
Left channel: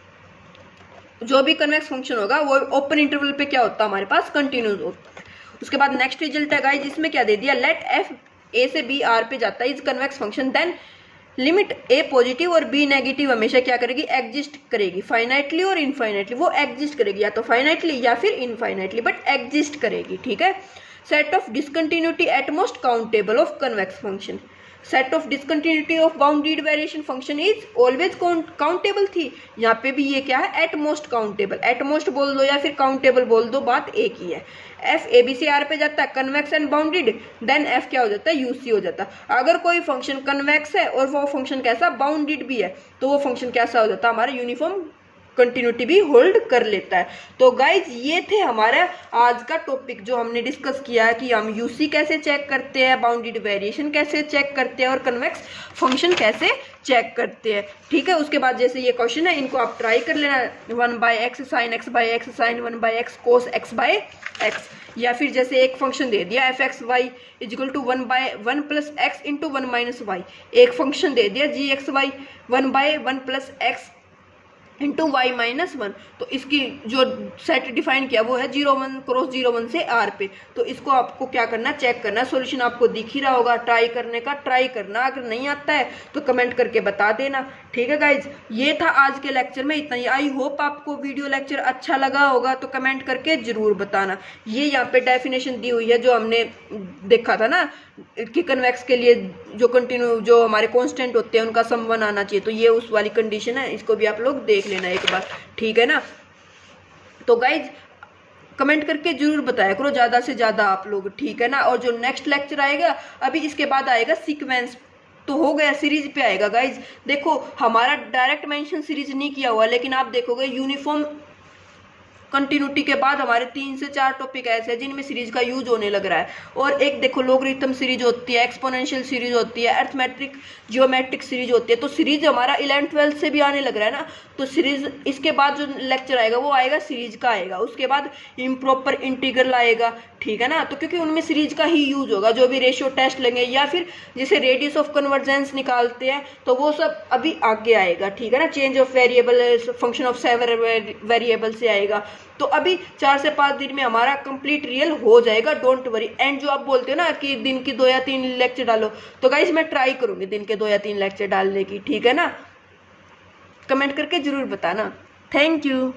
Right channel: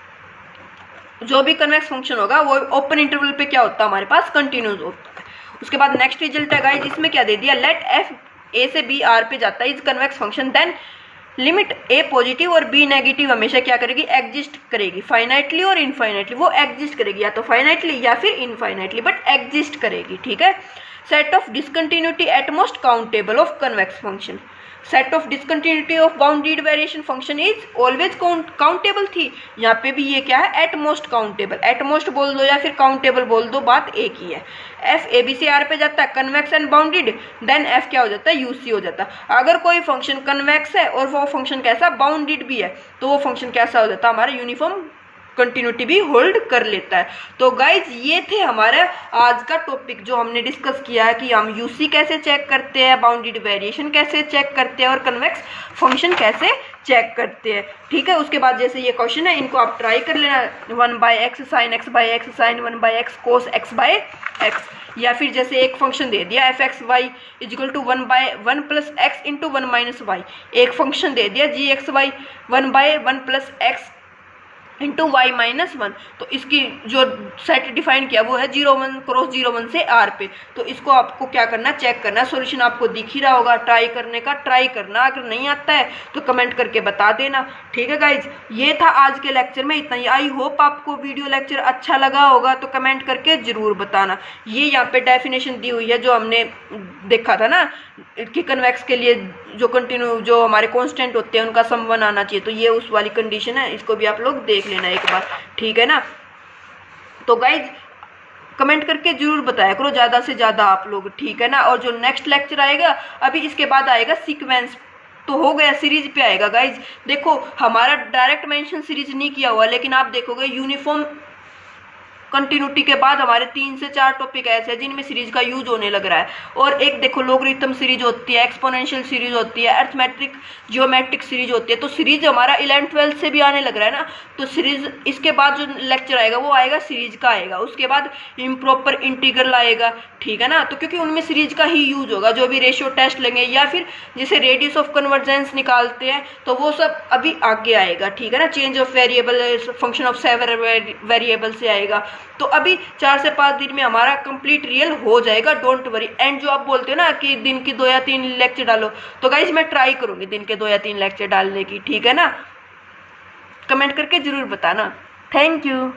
जो भी कन्वेक्स फंक्शन होगा वो ओपन इंटरवल पे क्या होता है, हमारे पास कंटिन्यूअस होता है। उसके बाद नेक्स्ट रिजल्ट है गाइस, इसमें क्या दे दिया, लेट एफ ए से बी आर पे जाता है is convex function, then limit a positive और बी नेगेटिव हमेशा क्या करेगी, एग्जिस्ट करेगी, फाइनाइटली और इनफाइनाइटली। वो एग्जिस्ट करेगी या तो फाइनाइटली या फिर इनफाइनाइटली, बट एग्जिस्ट करेगी। ठीक है, set of discontinuity at most countable of convex function. Set of discontinuity of bounded variation function is always countable थी, यहाँ पे भी ये क्या है, at most countable. At most बोल दो या फिर काउंटेबल बोल दो, बात एक ही है। F a b c R पे जाता है convex and bounded, then f क्या हो जाता है, यूसी हो जाता है। अगर कोई फंक्शन कन्वेक्स है और वो फंक्शन कैसा, बाउंडेड भी है, तो वो फंक्शन कैसा हो जाता है, हमारा यूनिफॉर्म कंटिन्यूटी भी होल्ड कर लेता है। तो गाइज ये थे हमारे आज का टॉपिक जो हमने डिस्कस किया है कि हम यूसी कैसे चेक करते हैं, बाउंडेड वेरिएशन कैसे चेक करते हैं और कन्वेक्स फंक्शन कैसे चेक करते हैं। ठीक है, उसके बाद जैसे ये क्वेश्चन है इनको आप ट्राई कर लेना, 1/x sin x by x sin 1/x cos x by x, या फिर जैसे एक फंक्शन दे दिया f x y equal to 1/1 + x into 1 - y, एक फंक्शन दे दिया g x y 1/1 + x into y-1, तो इसकी जो सेट डिफाइन किया वो है 0 1 क्रॉस 0 1 से r पे। तो इसको आपको क्या करना, चेक करना। सॉल्यूशन आपको दिख ही रहा होगा, ट्राई करने का ट्राई करना, अगर नहीं आता है तो कमेंट करके बता देना। ठीक है गाइज, ये था आज के लेक्चर में इतना ही। आई होप आपको वीडियो लेक्चर अच्छा लगा होगा, तो कमेंट करके जरूर बताना। ये यहाँ पे डेफिनेशन दी हुई है जो हमने देखा था ना कि कन्वेक्स के लिए जो कंटिन्यू जो हमारे कांस्टेंट होते हैं उनका सम 1 आना चाहिए, तो ये उस वाली कंडीशन है, इसको भी आप लोग देख लेना एक बार। ठीक है ना, तो गाइज कमेंट करके जरूर बताया करो ज़्यादा से ज़्यादा आप लोग। ठीक है ना, और जो नेक्स्ट लेक्चर आएगा अभी इसके बाद आएगा सीक्वेंस, तो हो गया सीरीज पे आएगा गाइज। देखो हमारा डायरेक्ट मेंशन सीरीज नहीं किया हुआ, लेकिन आप देखोगे यूनिफॉर्म कंटिन्यूटी के बाद हमारे 3 से 4 टॉपिक ऐसे हैं जिनमें सीरीज का यूज होने लग रहा है। और एक देखो लॉगरिथम सीरीज होती है, एक्सपोनेंशियल सीरीज होती है, अर्थमेट्रिक जियोमेट्रिक सीरीज होती है। तो सीरीज हमारा 11th-12th से भी आने लग रहा है ना, तो सीरीज इसके बाद जो लेक्चर आएगा वो आएगा सीरीज का आएगा। उसके बाद इम्प्रॉपर इंटीग्रल आएगा। ठीक है ना, तो क्योंकि उनमें सीरीज का ही यूज होगा, जो भी रेशियो टेस्ट लेंगे या फिर जैसे रेडियस ऑफ कन्वर्जेंस निकालते हैं तो वो सब अभी आगे आएगा। ठीक है ना, change of variable function of several variable से आएगा। तो अभी 4 से 5 दिन में हमारा कंप्लीट रियल हो जाएगा, डोंट वरी। एंड जो आप बोलते हो ना कि दिन की 2 या 3 लेक्चर डालो, तो गाइज मैं ट्राई करूंगी दिन के 2 या 3 लेक्चर डालने की। ठीक है ना, कमेंट करके जरूर बताना। Thank you.